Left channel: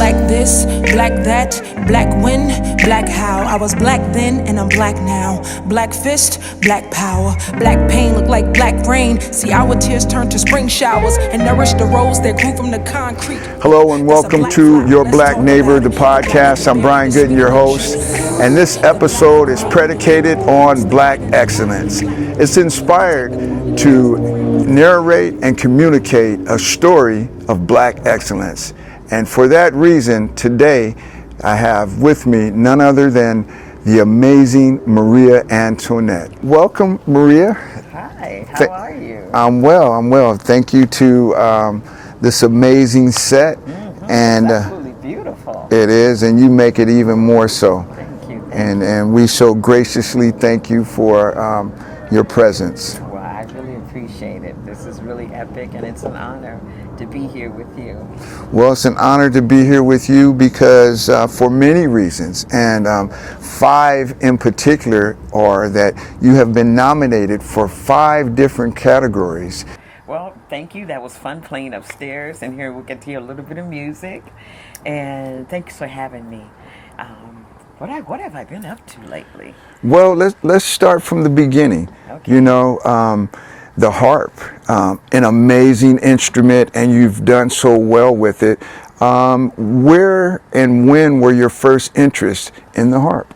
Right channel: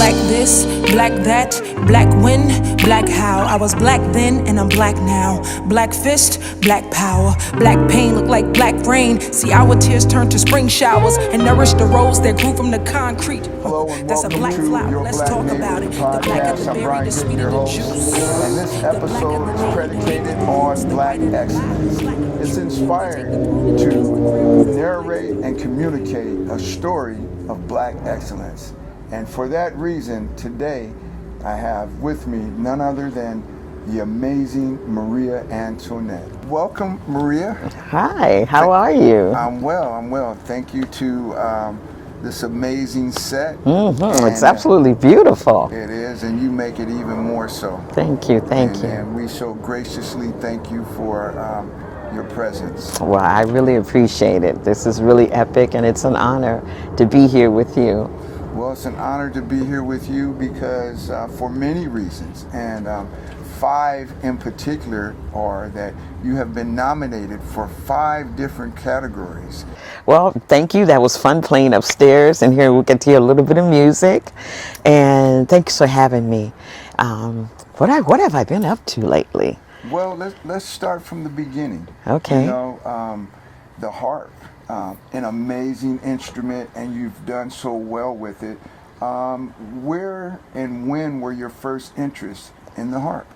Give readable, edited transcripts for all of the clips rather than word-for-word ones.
Black this, black that, black when, black how. I was black then and I'm black now. Black fist, black power. Black pain look like black rain. See our tears turn to spring showers and nourish the rose that grew from the concrete. Hello and welcome to Your Black Neighbor, the podcast. I'm Brian Goodin, your host, and this episode is predicated on black excellence. It's inspired to narrate and communicate a story of black excellence. And for that reason, today I have with me none other than the amazing Mariea Antoinette. Welcome, Mariea. Hi, how are you? I'm well. Thank you to this amazing set. It's absolutely beautiful. It is, and you make it even more so. Thank you, thank you. And we so graciously thank you for your presence. Well, I really appreciate it. This is really epic, and it's an honor to be here with you. Well, it's an honor to be here with you because for many reasons, and 5 in particular are that you have been nominated for 5 different categories. Well, thank you. That was fun playing upstairs, and here we get to hear a little bit of music. And thanks for having me. What have I been up to lately? Well, let's start from the beginning. Okay. You know, the harp, an amazing instrument, and you've done so well with it. Where and when were your first interest in the harp?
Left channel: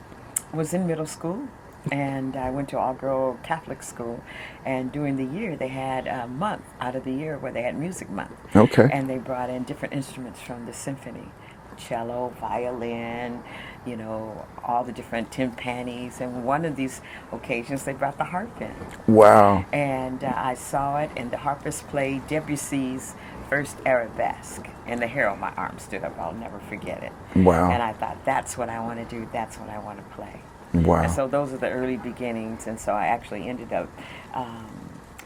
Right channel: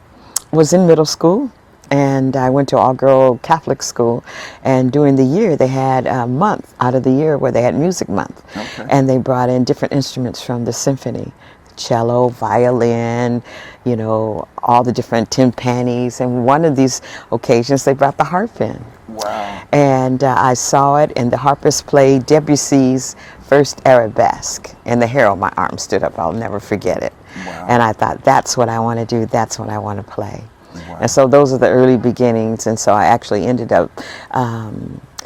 Was in middle school, and I went to all-girl Catholic school, and during the year they had a month out of the year where they had music month. Okay. And they brought in different instruments from the symphony. Cello, violin, you know, all the different timpanis, and one of these occasions they brought the harp in. Wow. And I saw it, and the harpist played Debussy's first arabesque, and the hair on my arm stood up. I'll never forget it. Wow. And I thought, that's what I want to do, that's what I want to play. Wow. And so those are the early beginnings, and so I actually ended up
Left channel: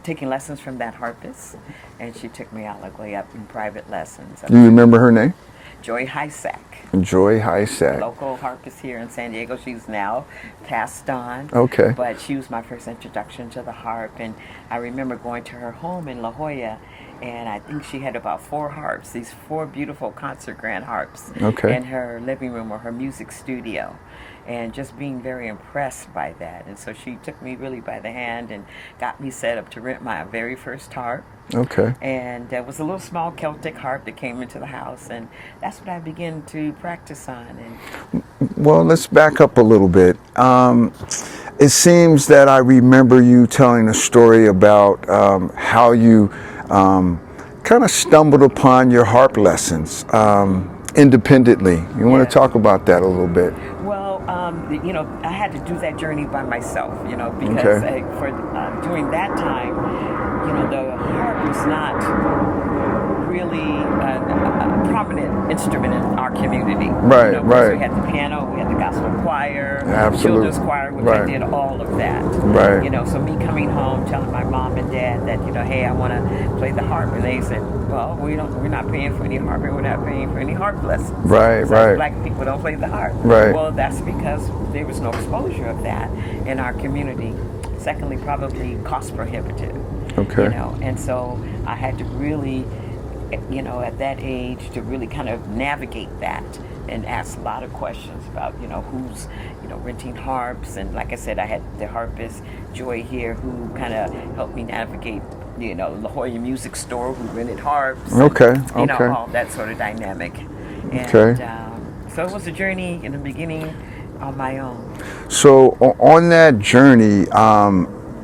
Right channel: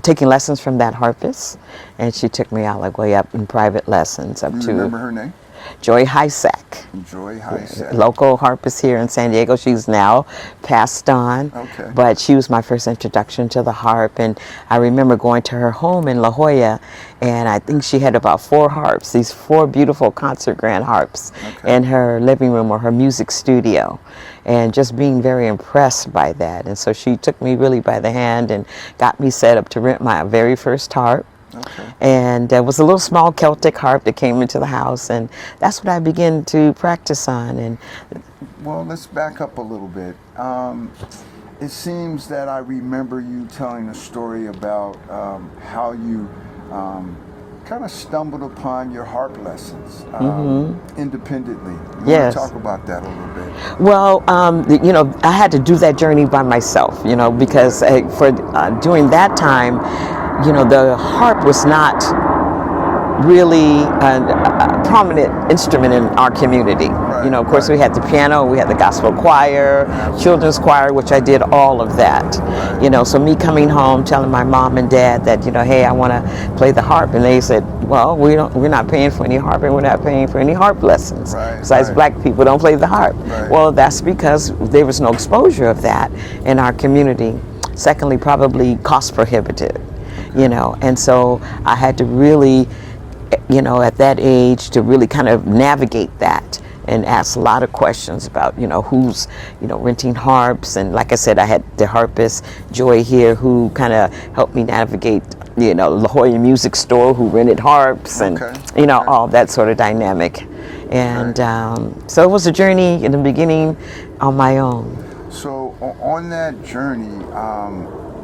taking lessons from that harpist, and she took me all the way up in private lessons. Do you remember her name? Joy Hysack. Joy Hysack. Local harpist here in San Diego. She's now passed on. Okay. But she was my first introduction to the harp, and I remember going to her home in La Jolla, and I think she had about 4 harps, these 4 beautiful concert grand harps in her living room or her music studio, and just being very impressed by that. And so she took me really by the hand and got me set up to rent my very first harp. Okay. And there was a little small Celtic harp that came into the house, and that's what I began to practice on. And well, let's back up a little bit. It seems that I remember you telling a story about how you kind of stumbled upon your harp lessons independently. You want to talk about that a little bit? Well, you know, I had to do that journey by myself, you know, because for during that time, you know, the harp was not really a prominent instrument in our community. Right, you know, of course, we had the piano, we had the gospel choir, children's choir, which I did all of that. Right. You know, so me coming home, telling my mom and dad that, you know, hey, I want to play the harp, and they said, well, we're not paying for any harp, and we're not paying for any harp lessons. Right. Besides, black people don't play the harp. Right. Well, that's because there was no exposure of that in our community. Secondly, probably cost prohibitive. Okay. You know, and so I had to really, you know, at that age to really kind of navigate that and ask a lot of questions about, you know, who's, you know, renting harps. And like I said, I had the harpist Joy here who kind of helped me navigate, you know, La Jolla Music Store who rented harps. And, you know, all that sort of dynamic. And so it was a journey in the beginning on my own. So on that journey,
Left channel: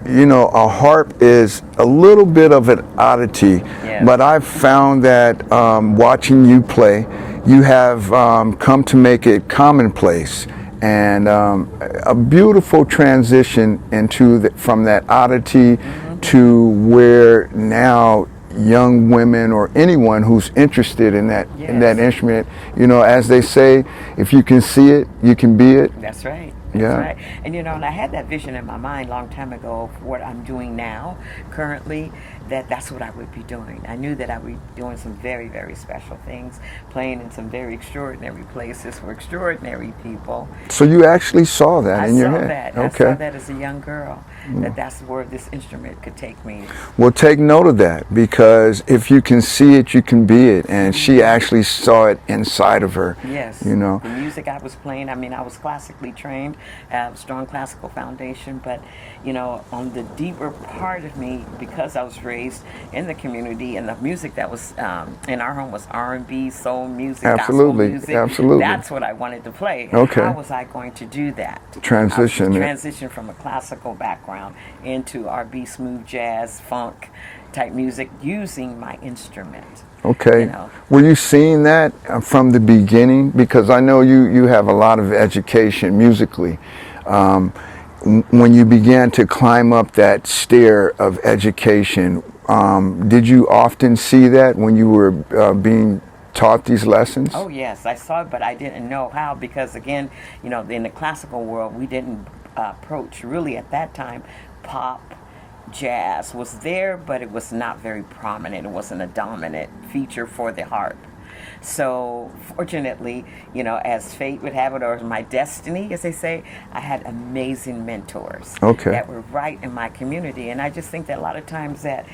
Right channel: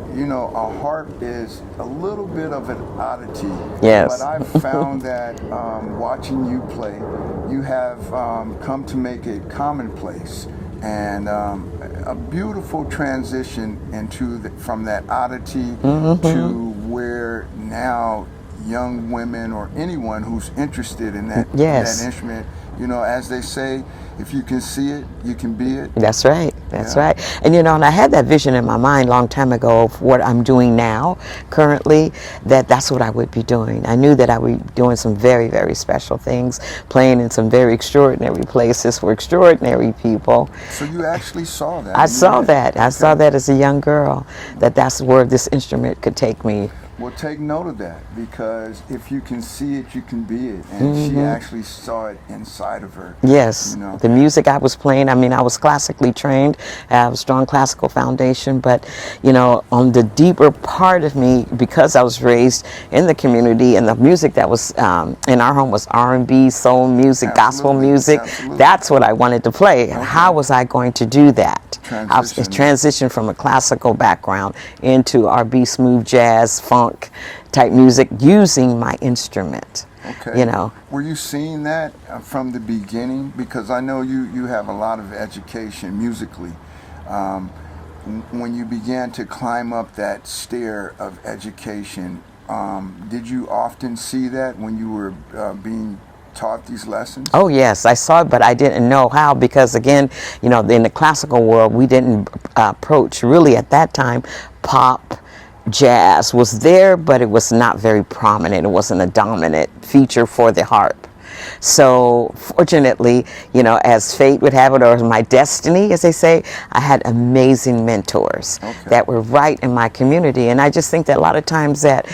you know, a harp is a little bit of an oddity, but I've found that watching you play, you have come to make it commonplace, and a beautiful transition into from that oddity to where now young women or anyone who's interested in that instrument, you know, as they say, if you can see it, you can be it. That's right. That's right. And you know, and I had that vision in my mind a long time ago of what I'm doing now, currently, that's what I would be doing. I knew that I would be doing some very, very special things, playing in some very extraordinary places for extraordinary people. So you actually saw that? I saw that. I saw that as a young girl, that's where this instrument could take me. Well, take note of that, because because if you can see it, you can be it. And she actually saw it inside of her. Yes. You know, the music I was playing, I mean, I was classically trained. I have a strong classical foundation, but, you know, on the deeper part of me, because I was raised in the community and the music that was in our home was R&B, soul music, gospel music. Absolutely. That's what I wanted to play. Okay. How was I going to do that? Transition. Transition from a classical background into R&B, smooth jazz, funk type music using my instrument. Okay. You know. Were you seeing that from the beginning? Because I know you have a lot of education musically. When you began to climb up that stair of education, did you often see that when you were being taught these lessons? Oh yes, I saw it, but I didn't know how, because again, you know, in the classical world, we didn't approach really at that time. Pop, jazz was there, but it was not very prominent. It wasn't a dominant feature for the harp. So fortunately, you know, as fate would have it, or my destiny, as they say, I had amazing mentors that were right in my community. And I just think that a lot of times that,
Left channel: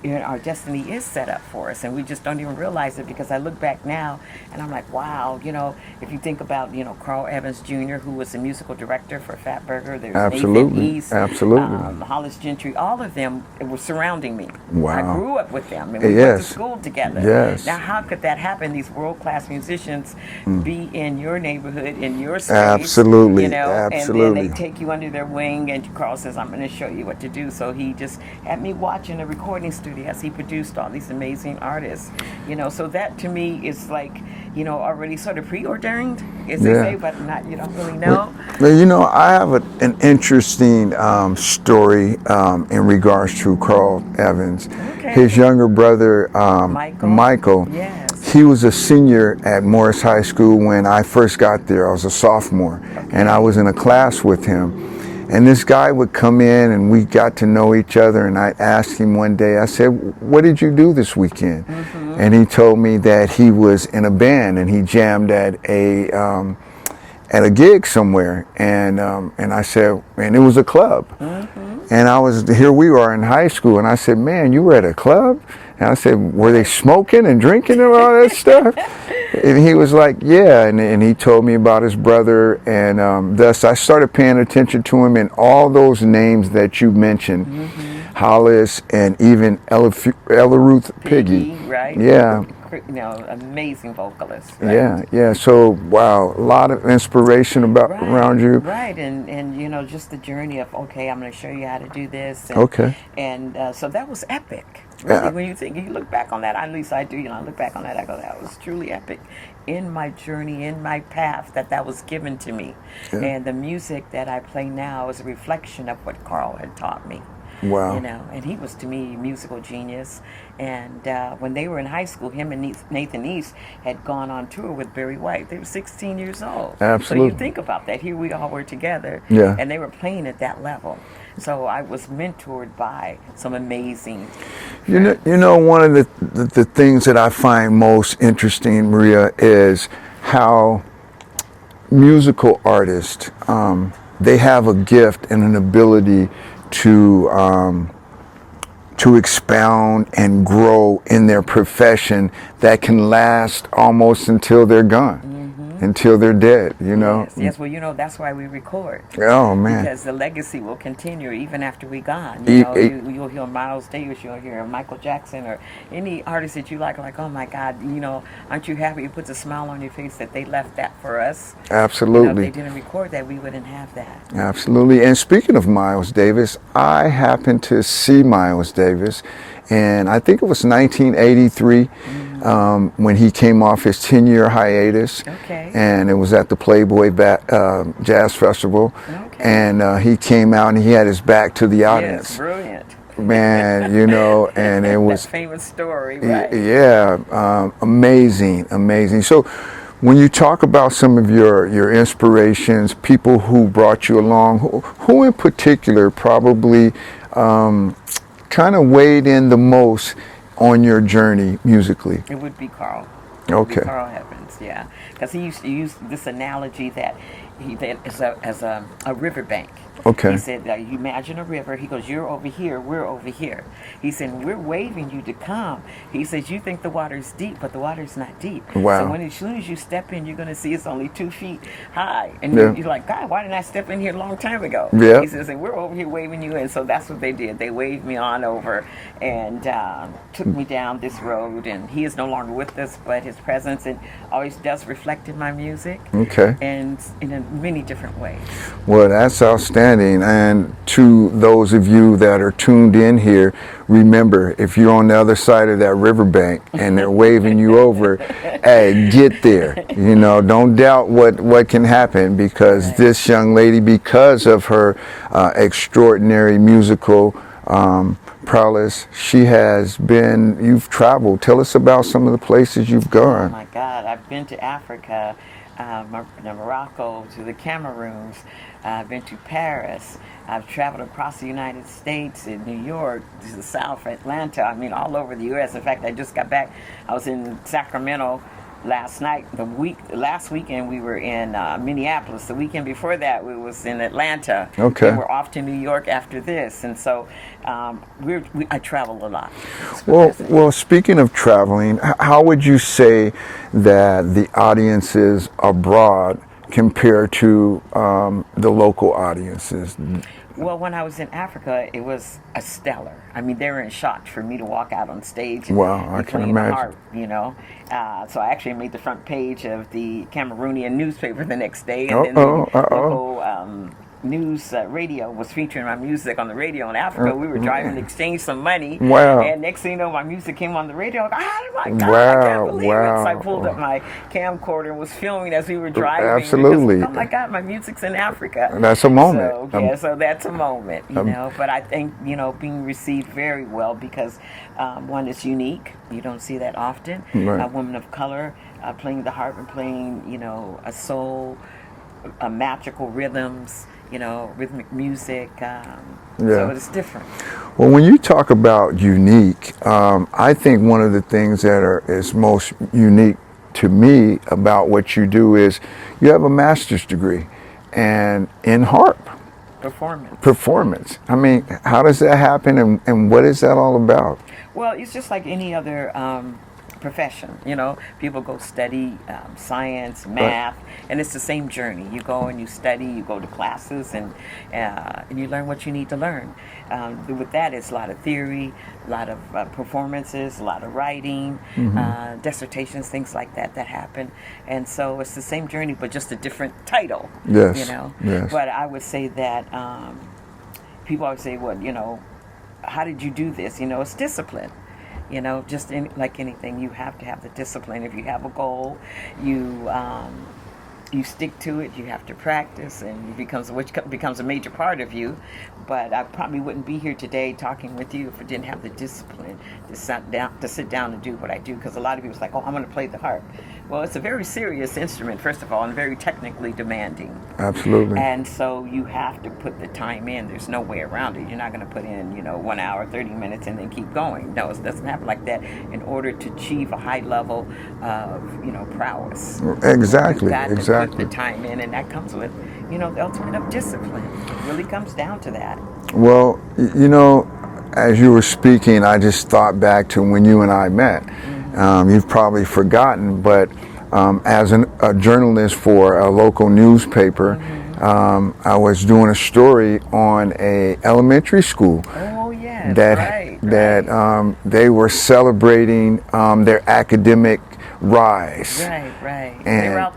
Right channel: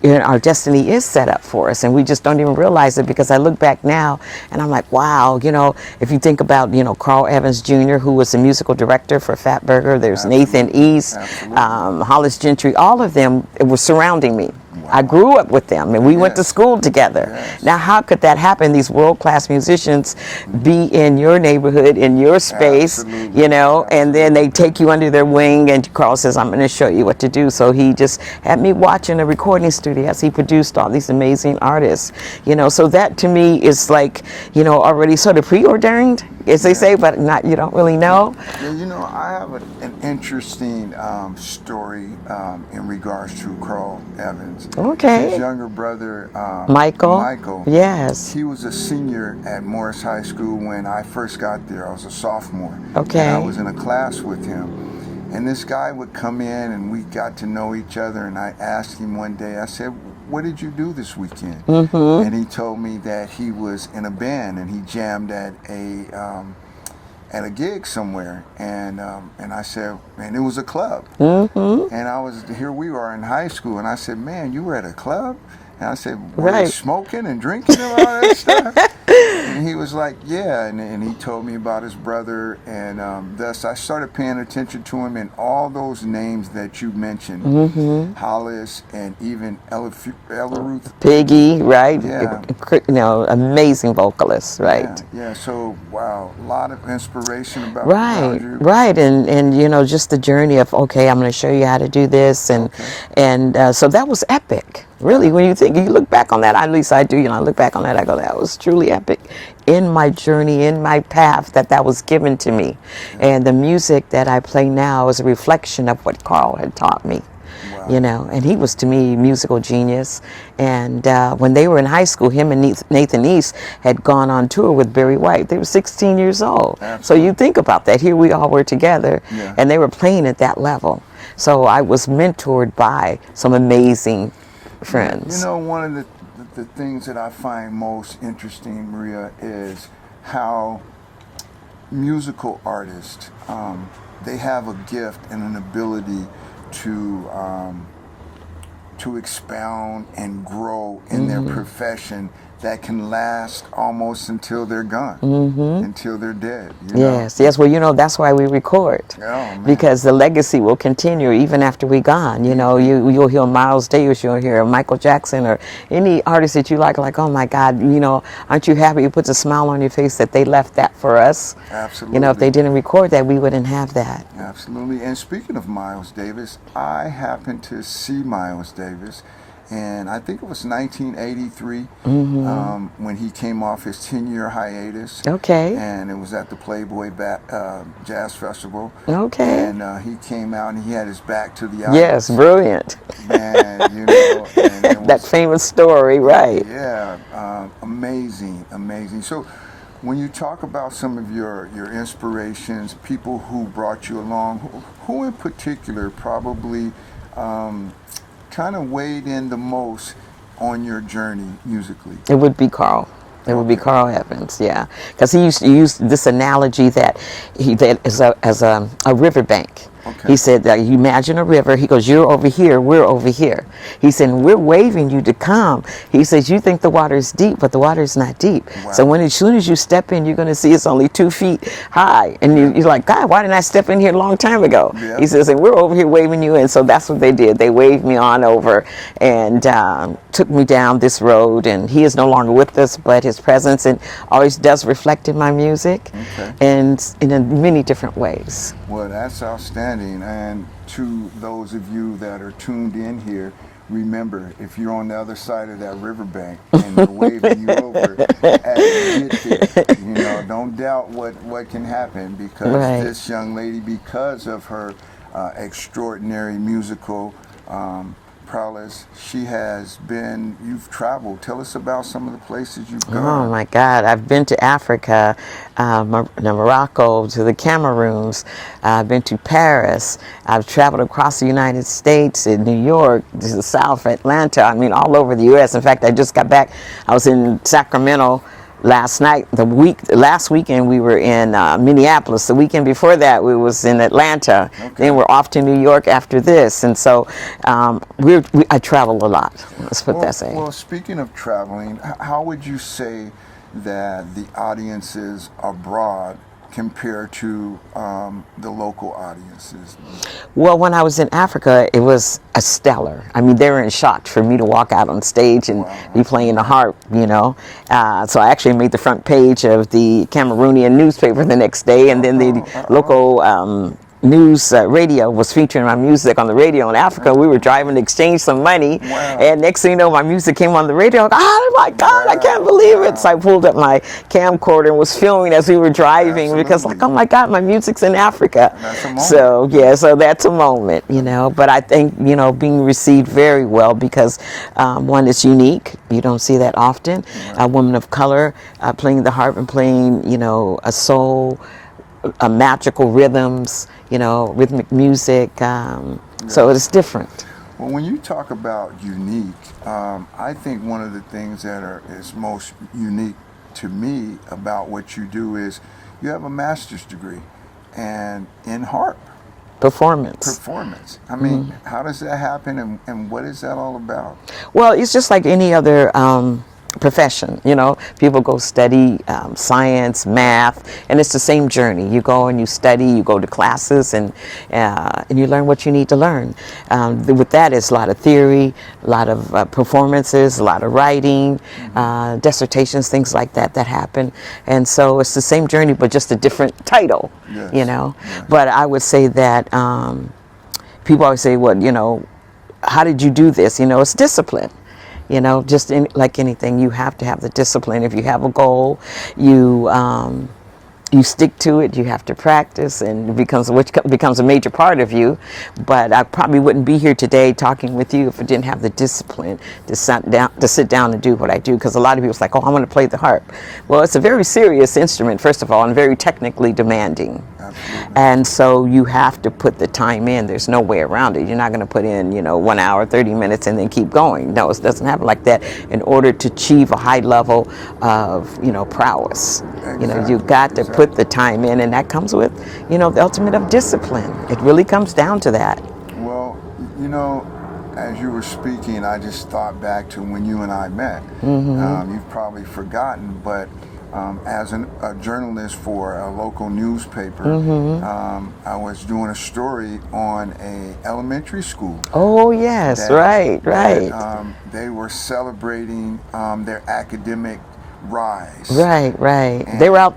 you know, our destiny is set up for us, and we just don't even realize it, because I look back now and I'm like, wow, you know, if you think about, you know, Carl Evans Jr., who was the musical director for Fatburger, there's Nathan East, Hollis Gentry, all of them were surrounding me. Wow. I grew up with them, and we went to school together. Yes. Now, how could that happen? These world-class musicians be in your neighborhood, in your space, you know, and then they take you under their wing, and Carl says, I'm going to show you what to do. So he just had me watching a recording studio as he produced all these amazing artists, you know. So that to me is like, you know, already sort of preordained, as they say, but not, you don't really know. Well, you know, I have an interesting story in regards to Carl Evans. Okay. His younger brother, Michael. Yes. He was a senior at Morris High School when I first got there. I was a sophomore. Okay. And I was in a class with him. And this guy would come in, and we got to know each other, and I asked him one day, I said, what did you do this weekend? And he told me that he was in a band, and he jammed at a gig somewhere, and I said, and it was a club. And here we are in high school, and I said, man, you were at a club? And I said, were they smoking and drinking and all that stuff? And he was like, yeah. And he told me about his brother. And thus I started paying attention to him, and all those names that you mentioned, Hollis and even Ella Ruth Piggy, right? Yeah. You know, amazing vocalist, right? Yeah. So, wow, a lot of inspiration around you. Right. And you know, just the journey of, okay, I'm going to show you how to do this. And, and so that was epic. Really, when you think, you look back on that, at least I do, you know, I look back on that, I go, that was truly epic in my journey, in my path, that was given to me. And the music that I play now is a reflection of what Carl had taught me. Wow. You know, and he was, to me, musical genius. And when they were in high school, him and Nathan East had gone on tour with Barry White. They were 16 years old. Absolutely. So you think about that. Here we all were together, Yeah. and they were playing at that level. So I was mentored by some amazing friends. You know, one of the things that I find most interesting, Mariea, is how musical artists, they have a gift and an ability to expound and grow in their profession that can last almost until they're gone, until they're dead, you know? Yes, well, you know, that's why we record. Oh, man. Because the legacy will continue even after we're gone. You know, you'll hear Miles Davis, you'll hear Michael Jackson, or any artist that you like, oh my God, you know, aren't you happy? It puts a smile on your face that they left that for us. Absolutely. You know, if they didn't record that, we wouldn't have that. Absolutely. And speaking of Miles Davis, I happened to see Miles Davis, and I think it was 1983 when he came off his 10-year hiatus. Okay. And it was at the Playboy Jazz Festival. Okay. And he came out and he had his back to the audience. Yes, brilliant. Man, you know, and it was... that famous story, right. Yeah, amazing. So when you talk about some of your inspirations, people who brought you along, who in particular probably kind of weighed in the most on your journey musically? It would be Carl. It would be Carl Evans, yeah. Because he used to use this analogy that as a riverbank. Okay. He said that you imagine a river. He goes, you're over here, we're over here. He said, we're waving you to come. He says, you think the water is deep, but the water is not deep. Wow. So as soon as you step in, you're going to see it's only 2 feet high. And you're like, God, why didn't I step in here a long time ago? Yeah. He says, and we're over here waving you in. So that's what they did. They waved me on over and took me down this road. And he is no longer with us, but his presence and always does reflect in my music. Okay. And in many different ways. Well, that's outstanding. And to those of you that are tuned in here, remember, if you're on the other side of that riverbank and they're waving you over, hey, get there. You know, don't doubt what can happen, because this young lady, because of her extraordinary musical prowess, you've traveled. Tell us about some of the places you've gone. Oh my God, I've been to Africa, Morocco, to the Cameroons. I've been to Paris. I've traveled across the United States, in New York, to the South, Atlanta. I mean, all over the U.S. In fact, I just got back. I was in Sacramento last night. Last weekend we were in Minneapolis. The weekend before that we was in Atlanta. Okay. Then we're off to New York after this. And so I travel a lot. Well, speaking of traveling, how would you say that the audiences abroad compare to the local audiences? Well, when I was in Africa, it was a stellar. I mean, they were in shock for me to walk out on stage and be playing the harp, you know. So I actually made the front page of the Cameroonian newspaper the next day, and then the local news radio was featuring my music on the radio in Africa. We were driving to exchange some money, and next thing you know, my music came on the radio. Oh my God, I can't believe it. So I pulled up my camcorder and was filming as we were driving, because like, oh my God, my music's in Africa. That's a moment. So yeah, so that's a moment, you know. But I think, you know, being received very well, because one, is unique. You don't see that often. A woman of color playing the harp and playing, you know, a soul, magical rhythms, you know, rhythmic music. So it's different. Well, when you talk about unique, I think one of the things that is most unique to me about what you do is you have a master's degree and in harp. Performance. I mean, how does that happen, and what is that all about? Well, it's just like any other profession, you know. People go study science, math, and it's the same journey. You go and you study, you go to classes, and you learn what you need to learn. With that, it's a lot of theory, a lot of performances, a lot of writing, dissertations, things like that happen. And so it's the same journey, but just a different title, you know. But I would say that people always say, well, you know, how did you do this? You know, it's discipline. You know, just like anything, you have to have the discipline. If you have a goal, you stick to it. You have to practice, and which becomes a major part of you. But I probably wouldn't be here today talking with you if I didn't have the discipline to sit down and do what I do. Because a lot of people are like, oh, I want to play the harp. Well, it's a very serious instrument, first of all, and very technically demanding. Absolutely. And so you have to put the time in. There's no way around it. You're not going to put in, you know, 1 hour, 30 minutes, and then keep going. No, it doesn't happen like that. In order to achieve a high level of, you know, prowess, exactly. You've got to put the time in, and that comes with, you know, the ultimate of discipline. It really comes down to that. Well, you know, as you were speaking, I just thought back to when you and I met. You've probably forgotten, but as a journalist for a local newspaper, I was doing a story on a elementary school. Oh yes, right. They were celebrating their academic rise. Right.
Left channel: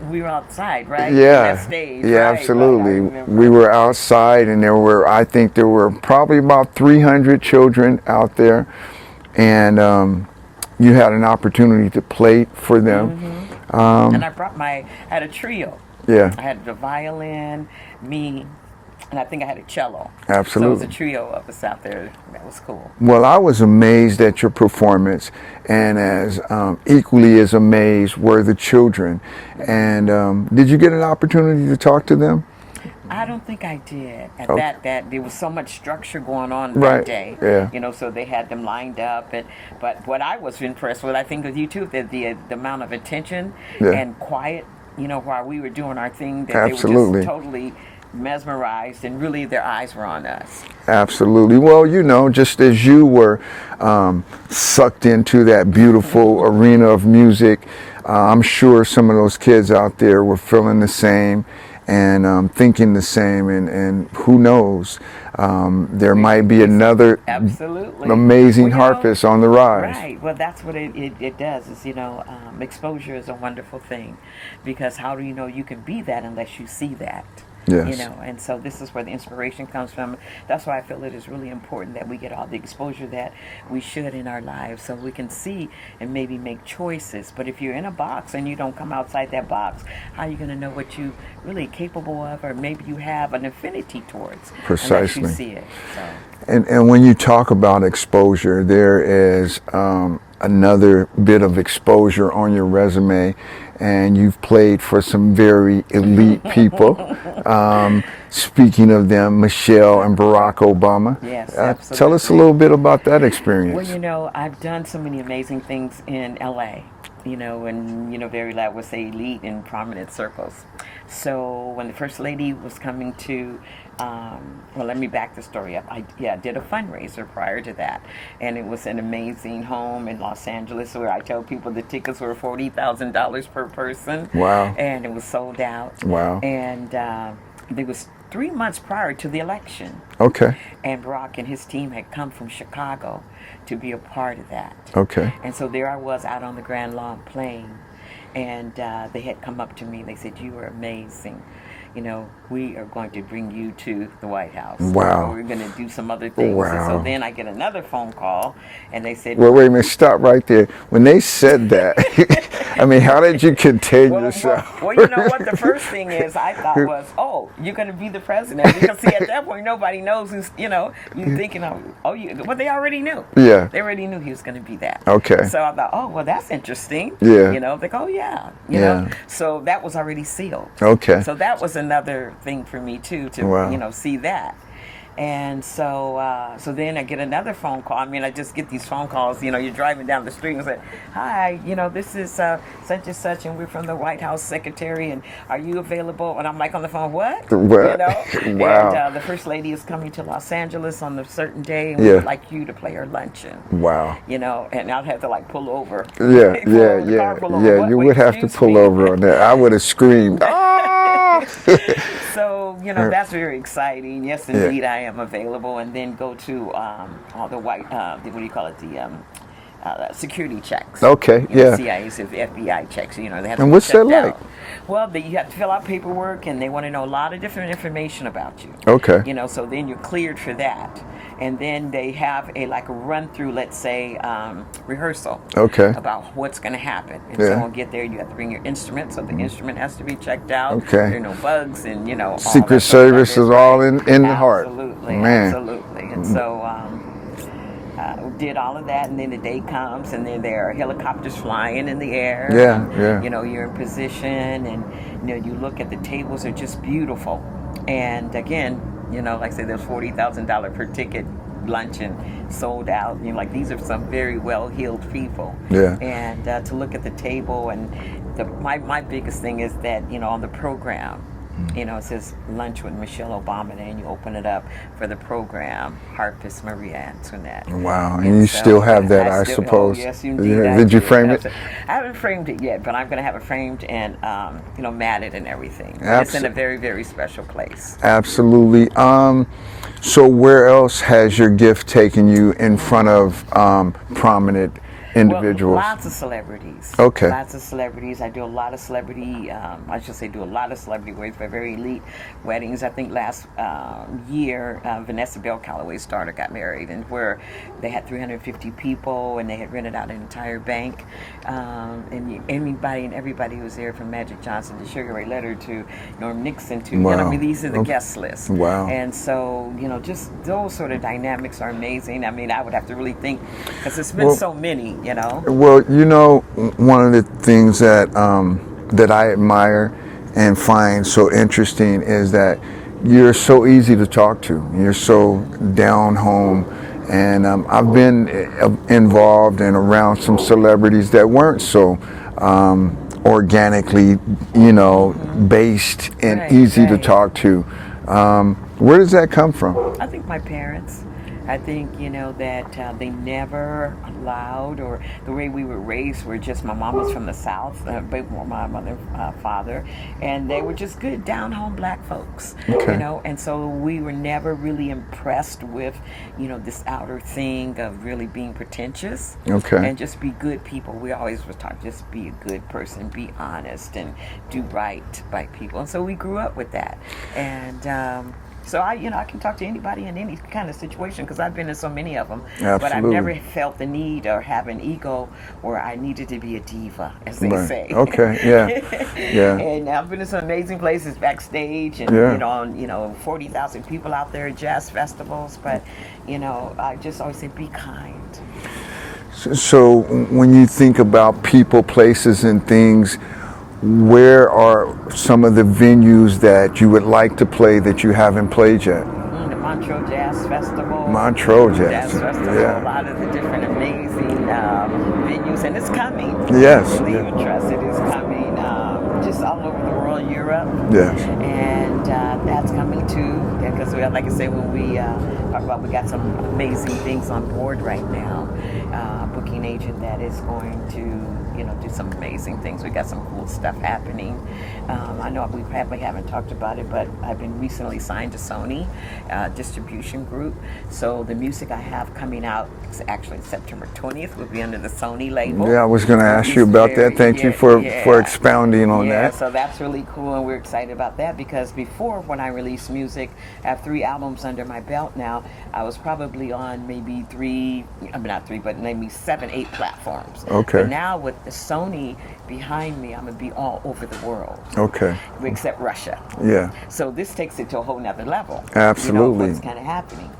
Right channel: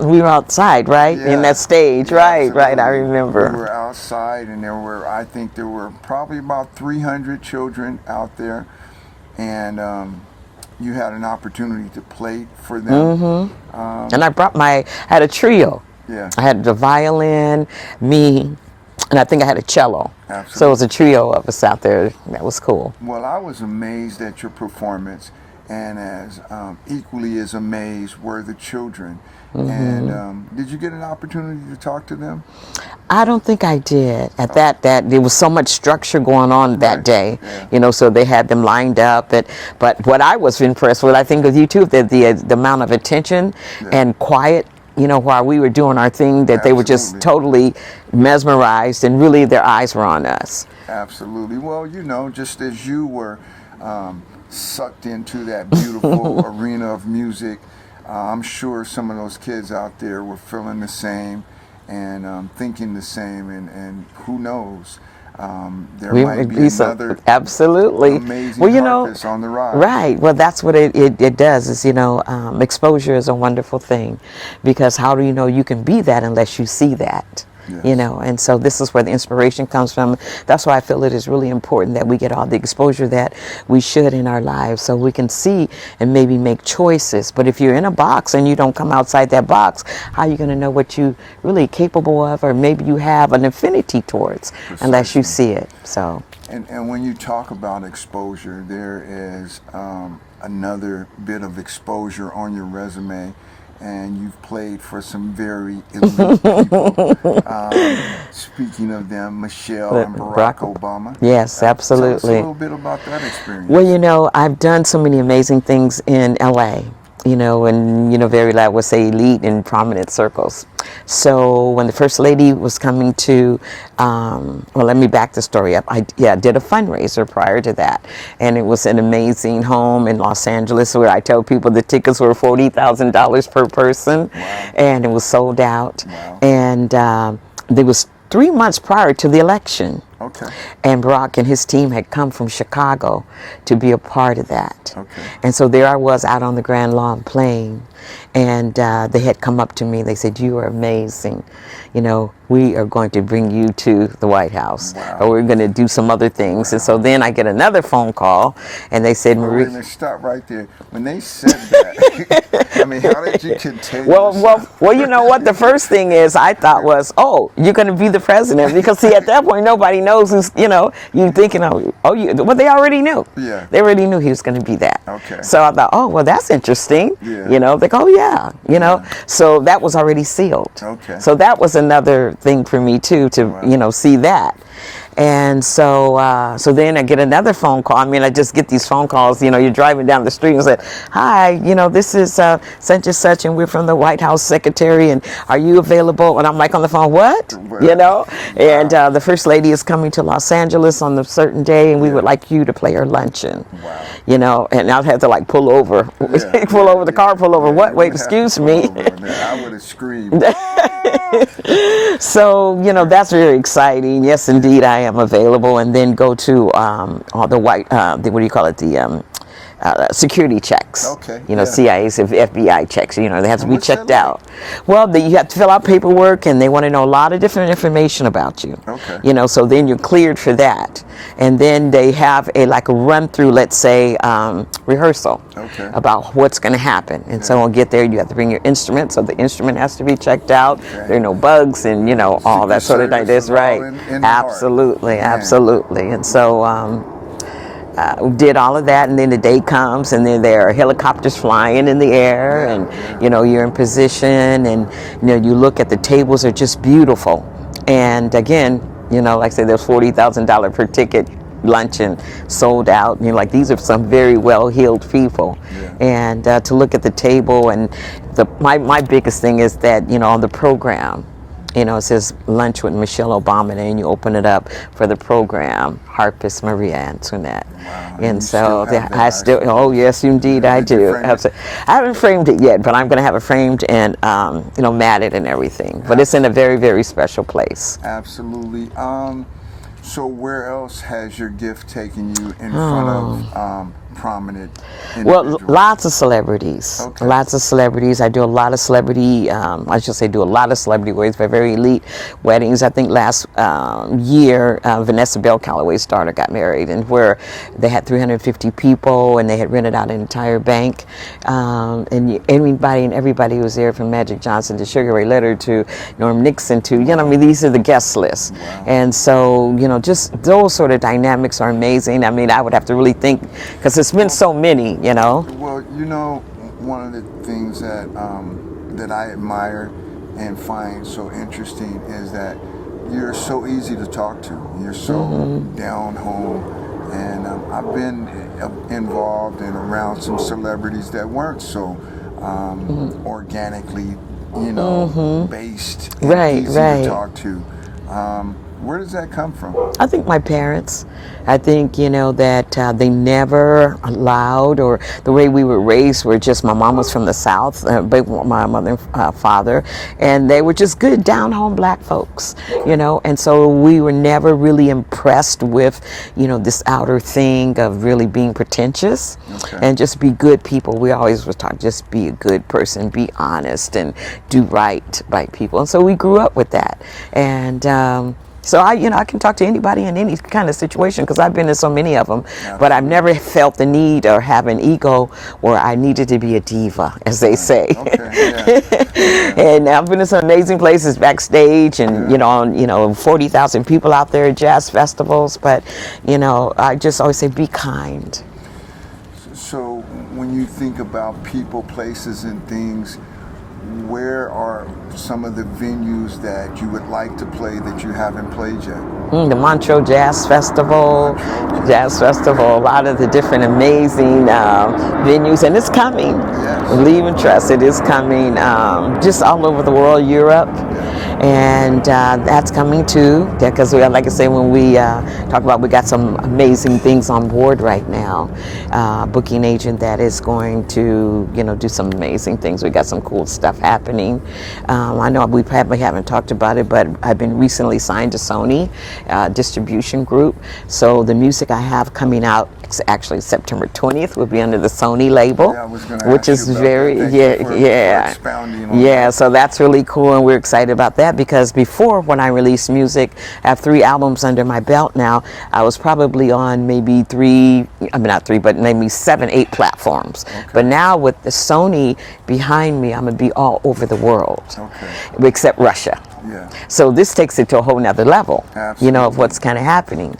We were outside, right? Yeah, in that stage, right, I remember. We were outside, and I think there were probably about 300 children out there, and you had an opportunity to play for them. And I had a trio. Yeah. I had the violin, me, and I think I had a cello. Absolutely. So it was a trio of us out there. That was cool. Well, I was amazed at your performance, and as equally as amazed were the children. And did you get an opportunity to talk to them? I don't think I did. At that there was so much structure going on that day. Yeah. You know, so they had them lined up. But what I was impressed with, I think with you too, that the amount of attention and quiet you know, while we were doing our thing, that they were just totally mesmerized, and really their eyes were on us. Absolutely. Well, you know, just as you were sucked into that beautiful arena of music, I'm sure some of those kids out there were feeling the same and thinking the same, and who knows, there might be another amazing harvest on the rise. Right. Well, that's what it does, is, you know, exposure is a wonderful thing, because how do you know you can be that unless you see that? Yes. You know, and so this is where the inspiration comes from. That's why I feel it is really important that we get all the exposure that we should in our lives, so we can see and maybe make choices. But if you're in a box and you don't come outside that box, how are you going to know what you really capable of, or maybe you have an affinity towards? Precisely. Unless you see it. So. And when you talk about exposure, there is another bit of exposure on your resume. And you've played for some very elite people. Speaking of them, Michelle and Barack Obama. Yes, absolutely. Tell us a little bit about that experience. Well, you know, I've done so many amazing things in LA, you know, and, you know, very, I would say, elite and prominent circles. So when the First Lady was coming to, well, let me back the story up. I did a fundraiser prior to that, and it was an amazing home in Los Angeles where I tell people the tickets were $40,000 per person. Wow. And it was sold out. Wow. And there was 3 months prior to the election. Okay. And Barack and his team had come from Chicago to be a part of that. Okay. And so there I was out on the Grand Lawn playing, and they had come up to me. They said, "You are amazing. You know, we are going to bring you to the White House. Wow. Or we're going to do some other things." Wow. And so then I get another phone call, and they said, "Well, wait a minute, stop right there." When they said that, I mean, how did you contain yourself? Well, you know what? The first thing is I thought was, "Oh, you're going to be the president," because see, at that point nobody knows who's, you know, you thinking, well, they already knew. Yeah. They already knew he was going to be that. Okay. So I thought, oh, well, that's interesting. Yeah. You know, they go, oh yeah, you know. So that was already sealed. Okay. So that was another thing for me too, to you know, see that. And so so then I get another phone call. I mean, I just get these phone calls, you know, you're driving down the street and say, "Hi, you know, this is such and such, and we're from the White House secretary, and are you available?" And I'm like on the phone, "What?" Well, you know? wow. And the First Lady is coming to Los Angeles on a certain day, and we would like you to play her luncheon. Wow. You know, and I'd have to like pull over. Pull over the car, pull over. Yeah, what? Wait, excuse me. Over on that. I would have screamed. So, you know, that's very exciting. Yes, indeed, I am available. And then go to the white, what do you call it, the security checks. Okay. You know, CIA's, FBI checks, you know, they have to And be what's checked that out. Well, you have to fill out paperwork, and they want to know a lot of different information about you. Okay. You know, so then you're cleared for that. And then they have a run through, let's say, rehearsal. Okay. About what's going to happen. And so when you get there, you have to bring your instrument, so the instrument has to be checked out. Okay. There are no bugs, and, you know, all Secret that sort of Service thing. is all in the heart. Absolutely, Man. absolutely. And so did all of that, and then the day comes, and then there are helicopters flying in the air, and you know, you're in position, and you know, you look at the tables are just beautiful. And again, you know, like I said, there's $40,000 per ticket luncheon sold out, and you're like, these are some very well-heeled people. Yeah. And to look at the table, and my biggest thing is that, you know, on the program, you know, it says lunch with Michelle Obama, and you open it up for the program, harpist Mariea Antoinette. Wow, and you still have that, I suppose. Oh, yes, indeed, I do. Did you frame it? I haven't framed it yet, but I'm going to have it framed and, you know, matted and everything. But it's in a very, very special place. Absolutely. So where else has your gift taken you in front of prominent individuals? Well, lots of celebrities. Okay. Lots of celebrities. I do a lot of celebrity, I should say do a lot of celebrity weddings, but very elite weddings. I think last year, Vanessa Bell Calloway's daughter got married, and where they had 350 people, and they had rented out an entire bank. And anybody and everybody was there, from Magic Johnson to Sugar Ray Leonard to Norm Nixon to, you know, I mean, these are the guest lists. Wow. And so, you know, just those sort of dynamics are amazing. I mean, I would have to really think, because it's been so many, you know. Well, you know, one of the things that that I admire and find so interesting is that you're so easy to talk to. You're so down home. And I've been involved and around some celebrities that weren't so organically, you know, based and easy to talk to. Where does that come from? I think my parents. I think, you know, that they never allowed, or the way we were raised were just, my mom was from the South, my mother and father, and they were just good down-home black folks, you know, and so we were never really impressed with, you know, this outer thing of really being pretentious and just be good people. We always were taught, just be a good person, be honest, and do right by people. And so we grew up with that. And so I can talk to anybody in any kind of situation, because I've been in so many of them. Absolutely. But I've never felt the need or have an ego where I needed to be a diva, as they say. And I've been in some amazing places backstage, and you know, 40,000 people out there at jazz festivals. But you know, I just always say, be kind. So when you think about people, places, and things, where are some of the venues that you would like to play that you haven't played yet? The Montreux Jazz Festival. Montreux Jazz Festival. A lot of the different amazing venues, and it's coming. Yes. Believe and trust, it is coming. Just all over the world, Europe. Yes. And that's coming too. Because, like I say, when we talk about, we got some amazing things on board right now. Booking agent that is going to, you know, do some amazing things. We got some cool stuff happening. I know we probably haven't talked about it, but I've been recently signed to Sony distribution group. So the music I have coming out, it's actually September 20th, will be under the Sony label. Yeah, I was going to ask you about that. Thank you for expounding on that. Yeah, so that's really cool, and we're excited about that, because before, when I released music, I have 3 albums under my belt now. I was probably on maybe maybe 7, 8 platforms. But now with the Sony behind me, I'm going to be all over the world. Except Russia. Yeah. So this takes it to a whole nother level. Absolutely. You know, of what's kind of happening.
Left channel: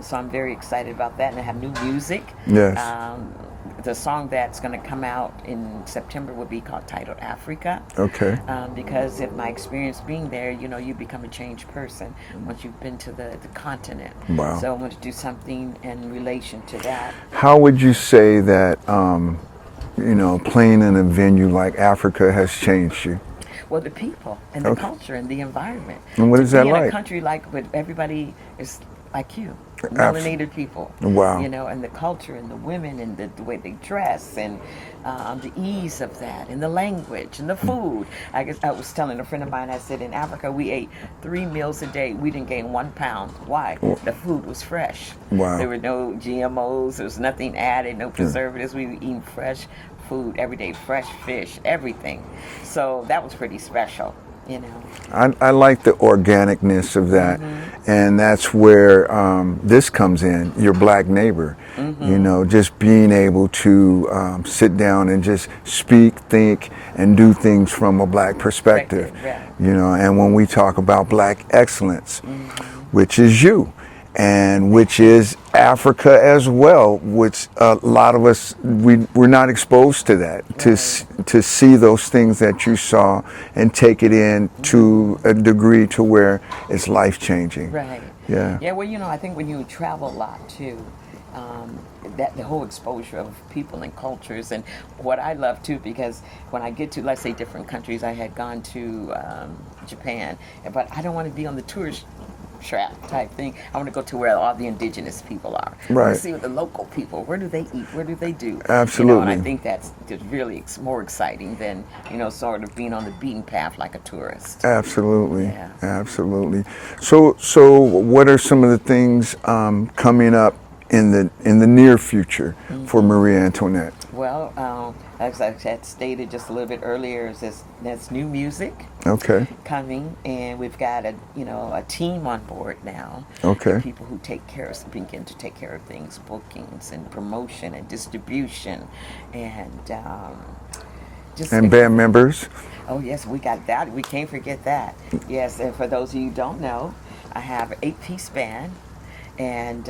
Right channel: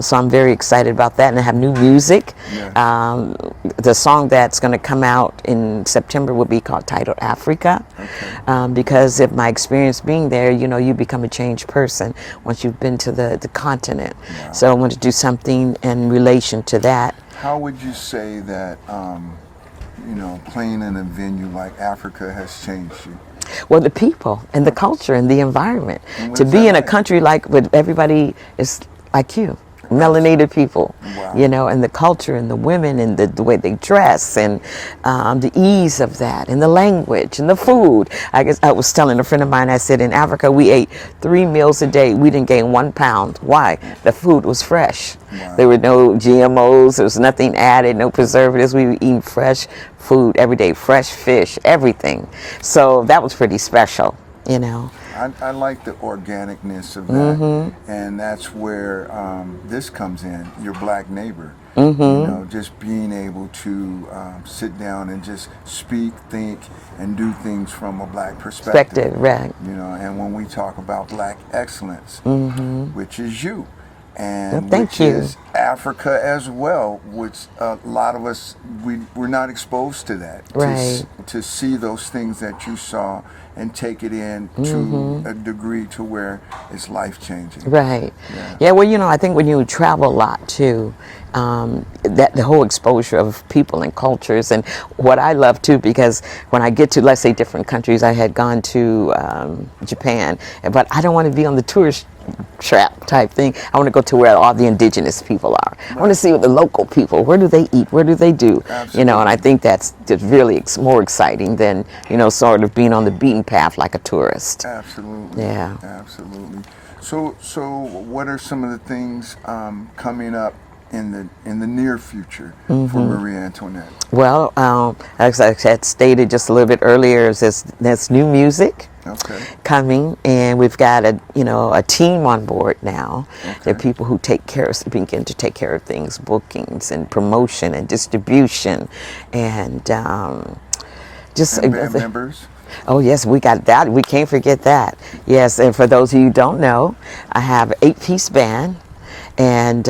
So I'm very excited about that, and I have new music. Yes. The song that's going to come out in September will be titled Africa. Because of my experience being there, you know, you become a changed person once you've been to the continent. Wow. So I want to do something in relation to that. How would you say that, you know, playing in a venue like Africa has changed you? Well, the people and the culture and the environment. To be in a country like, where everybody is like you, melanated people. Wow. You know, and the culture and the women and the way they dress, and the ease of that, and the language and the food. I guess I was telling a friend of mine, I said, in Africa we ate 3 meals a day. We didn't gain 1 pound. Why? The food was fresh. Wow. There were no GMOs. There was nothing added, no preservatives. We were eating fresh food every day, fresh fish, everything. So that was pretty special. You know, I like the organicness of that, and that's where this comes in. Your black neighbor, you know, just being able to sit down and just speak, think, and do things from a black perspective. Right. You know, and when we talk about black excellence, which is you, and which is Africa as well, which a lot of us, we're not exposed to that, to see those things that you saw and take it in to a degree to where it's life-changing. Right. Yeah, well, you know, I think when you travel a lot too, that the whole exposure of people and cultures, and what I love too, because when I get to, let's say, different countries, I had gone to Japan, but I don't want to be on the tourist trap type thing. I want to go to where all the indigenous people are. I want to see what the local people, where do they eat, what do they do? Absolutely. You know, and I think that's just really more exciting than, you know, sort of being on the beaten path like a tourist. Absolutely. Yeah. Absolutely. So what are some of the things coming up in the near future for Mariea Antoinette? Well, as I had stated just a little bit earlier, there's new music coming, and we've got a team on board now. And people who begin to take care of things, bookings and promotion and distribution, and band members. Oh yes, we got that. We can't forget that. Yes, and for those of you who don't know, I have an 8-piece band. And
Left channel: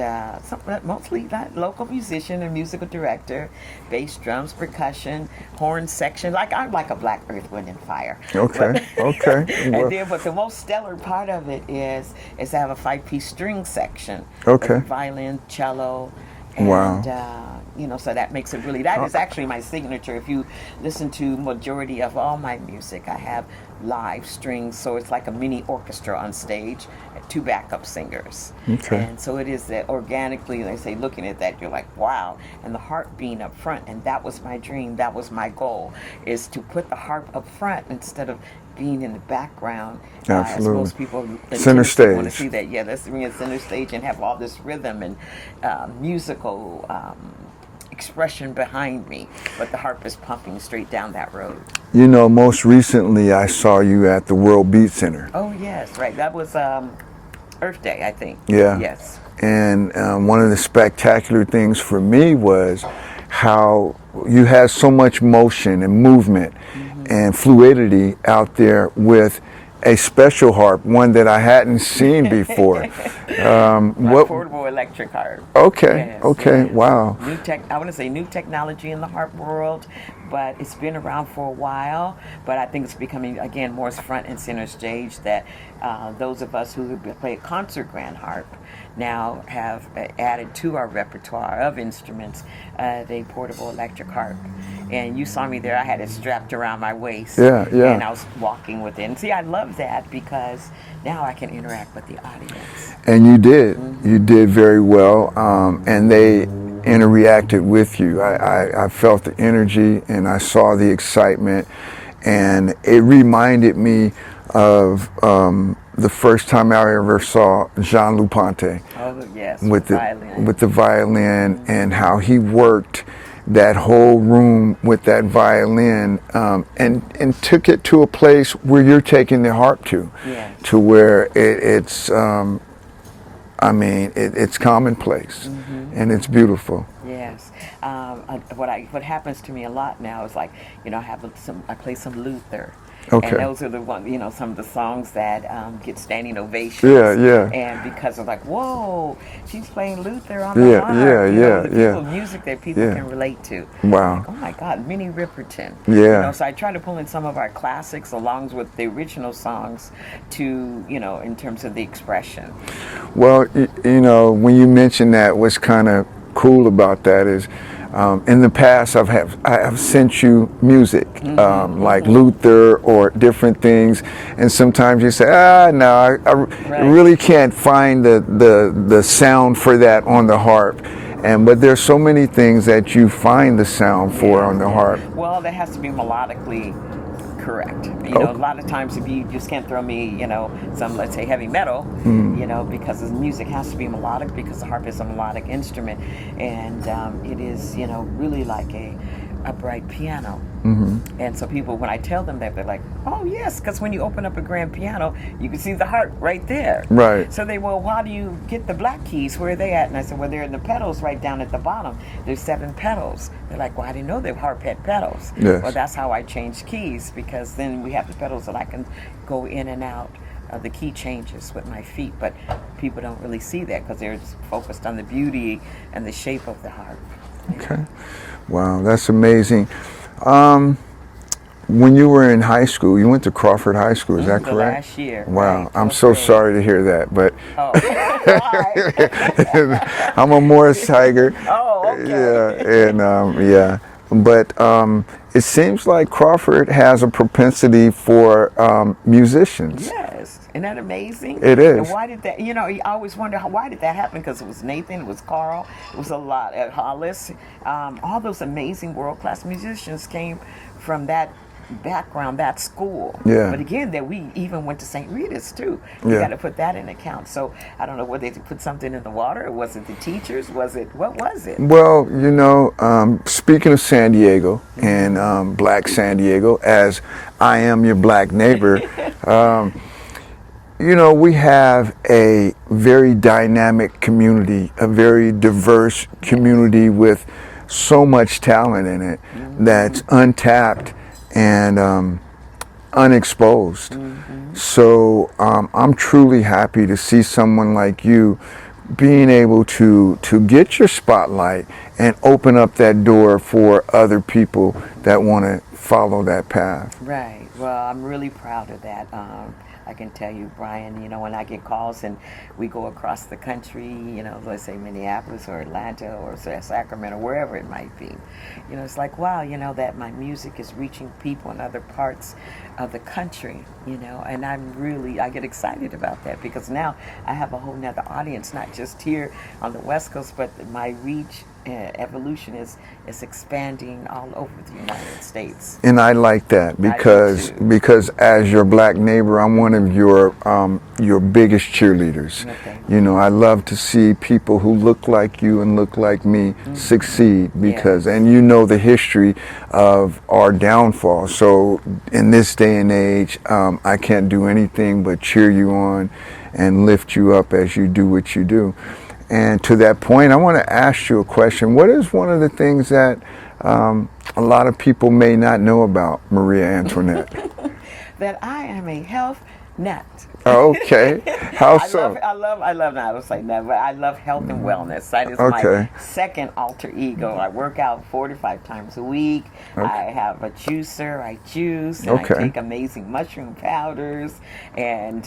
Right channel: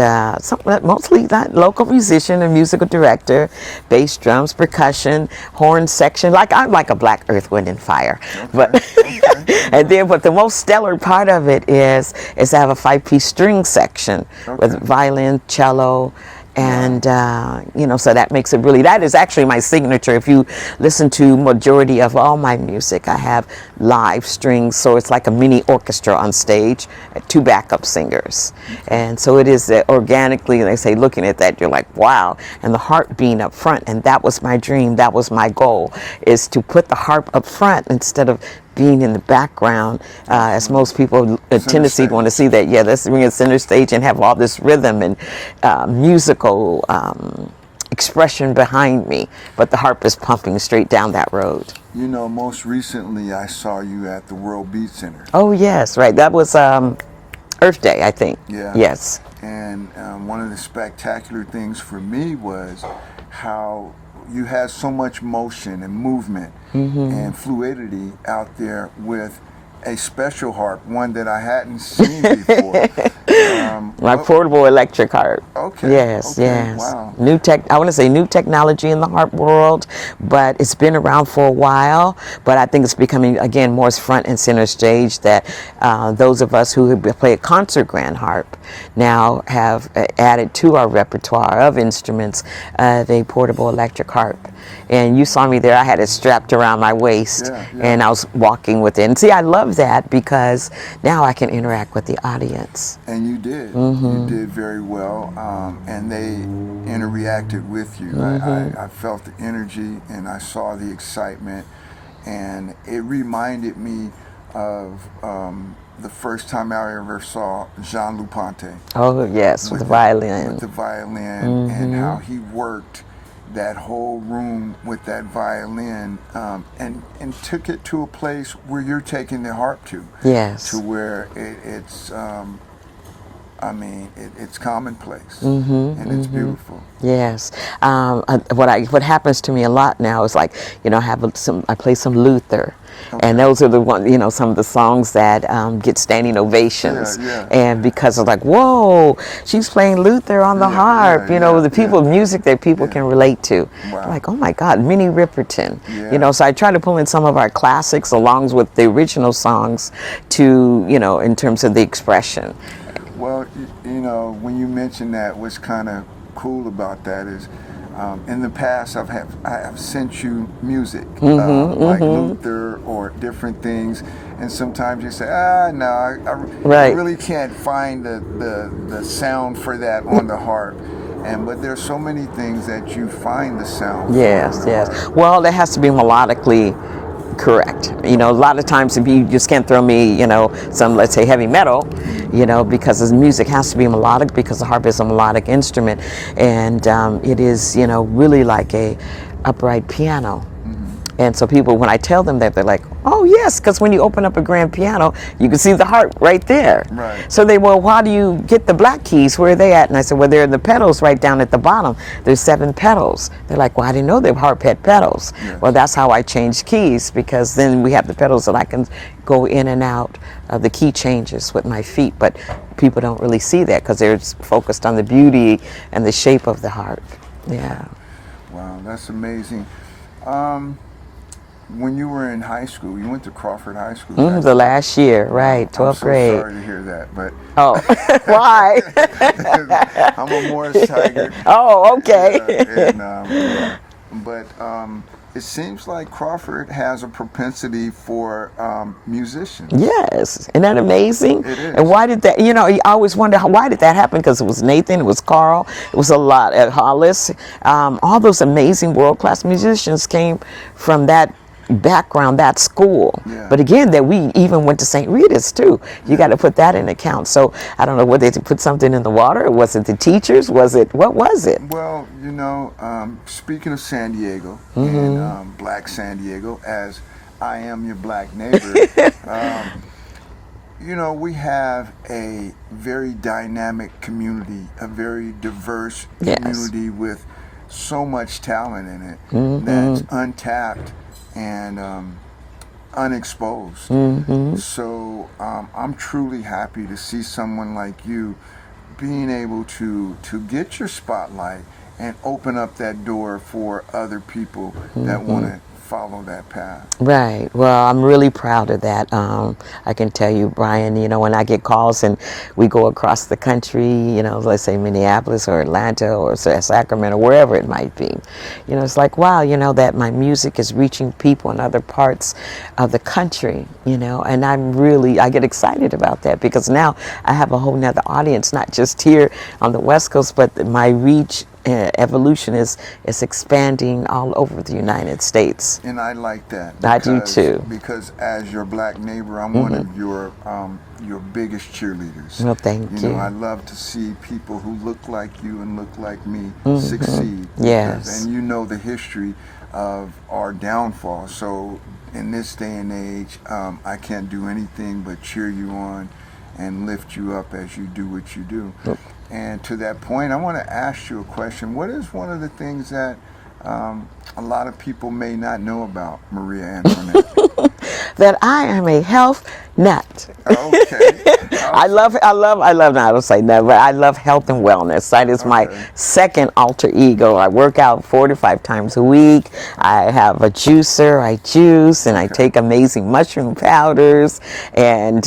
mostly that local musician and musical director, bass, drums, percussion, horn section. I'm like a black earth, wind, and fire. And then, but the most stellar part of it is I have a 5-piece string section with violin, cello, And, you know, so that makes it really, that is actually my signature. If you listen to majority of all my music, I have live strings, so it's like a mini orchestra on stage, 2 backup singers. And so it is organically, they say, looking at that, you're like, wow. And the harp being up front, and that was my dream, that was my goal, is to put the harp up front instead of being in the background, as most people tendency want to see that. Yeah, let's bring a center stage and have all this rhythm and musical expression behind me, but the harp is pumping straight down that road. You know, most recently I saw you at the World Beat Center. Oh yes, right. That was Earth Day, I think. Yeah. Yes. And one of the spectacular things for me was how you had so much motion and movement and fluidity out there with a special harp, one that I hadn't seen before. My portable electric harp. Okay. Yes, okay. yes. Wow. I want to say new technology in the harp world, but it's been around for a while. But I think it's becoming, again, more front and center stage, that those of us who play a concert grand harp now have added to our repertoire of instruments the portable electric harp. And you saw me there, I had it strapped around my waist, and I was walking with it. And see, I love that because now I can interact with the audience. And you did. You did very well, and they interacted with you. I felt the energy, and I saw the excitement, and it reminded me of the first time I ever saw Jean-Luc Ponty. Oh yes, with the violin. With the violin, and how he worked that whole room with that violin, and took it to a place where you're taking the harp to. Yes. To where it's I mean, it's commonplace, and it's beautiful. Yes. What happens to me a lot now is, like, you know, I play some Luther. Okay. And those are the ones, you know, some of the songs that get standing ovations. And because of, like, whoa, she's playing Luther on the harp. You know, the people, music that people can relate to. Wow. Like, oh my God, Minnie Riperton. You know, so I try to pull in some of our classics along with the original songs to, you know, in terms of the expression. Well, you know, when you mentioned that, what's kind of cool about that is, in the past, I have sent you music, like Luther or different things, and sometimes you say, no, I really can't find the sound for that on the harp. But there's so many things that you find the sound for on the harp. Well, that has to be melodically correct. You know, a lot of times if you just can't throw me, you know, some, let's say, heavy metal, you know, because the music has to be melodic, because the harp is a melodic instrument, and it is, you know, really like a upright piano. And so people, when I tell them that, they're like, oh yes, because when you open up a grand piano, you can see the harp right there. Right. So they, well, why do you get the black keys? Where are they at? And I said, well, they're the pedals right down at the bottom. There's 7 pedals. They're like, well, I didn't know the harp had pedals. Yes. Well, that's how I changed keys, because then we have the pedals that I can go in and out of the key changes with my feet. But people don't really see that because they're focused on the beauty and the shape of the harp. Yeah. Wow, that's amazing. When you were in high school, you went to Crawford High School, is that correct? The last year, right. I'm so sorry to hear that, but... Oh, why? I'm a Morris Tiger. Oh, okay. But it seems like Crawford has a propensity for musicians. Yes, isn't that amazing? It is. And why did that, you know, I always wonder, why did that happen? Because it was Nathan, it was Carl, it was a lot at Hollis. All those amazing world-class musicians came from that background, that school. But again, that we even went to St. Rita's too. You got to put that in account. So I don't know, whether they put something in the water, or was it the teachers? What was it? Well, you know, speaking of San Diego and Black San Diego, as I am your black neighbor, you know, we have a very dynamic community, a very diverse community with so much talent in it that's untapped and unexposed. So I'm truly happy to see someone like you being able to get your spotlight and open up that door for other people that want to follow that path. Right. Well, I'm really proud of that. I can tell you, Brian, you know, when I get calls and we go across the country, you know, let's say Minneapolis or Atlanta or Sacramento, wherever it might be, you know, it's like, wow, you know, that my music is reaching people in other parts of the country, you know, and I get excited about that because now I have a whole nother audience, not just here on the West Coast, but my reach evolution is expanding all over the United States. And I like that because as your black neighbor, I'm one of your biggest cheerleaders. Well, thank you. You know, I love to see people who look like you and look like me succeed because and you know the history of our downfall. So in this day and age, I can't do anything but cheer you on and lift you up as you do what you do. And to that point, I want to ask you a question. What is one of the things that a lot of people may not know about Mariea Antoinette? That I am a health nut. Okay. I love, no, I don't say that, but I love health and wellness. That is my second alter ego. I work out 4 to 5 times a week. I have a juicer, I juice, and I take amazing mushroom powders, and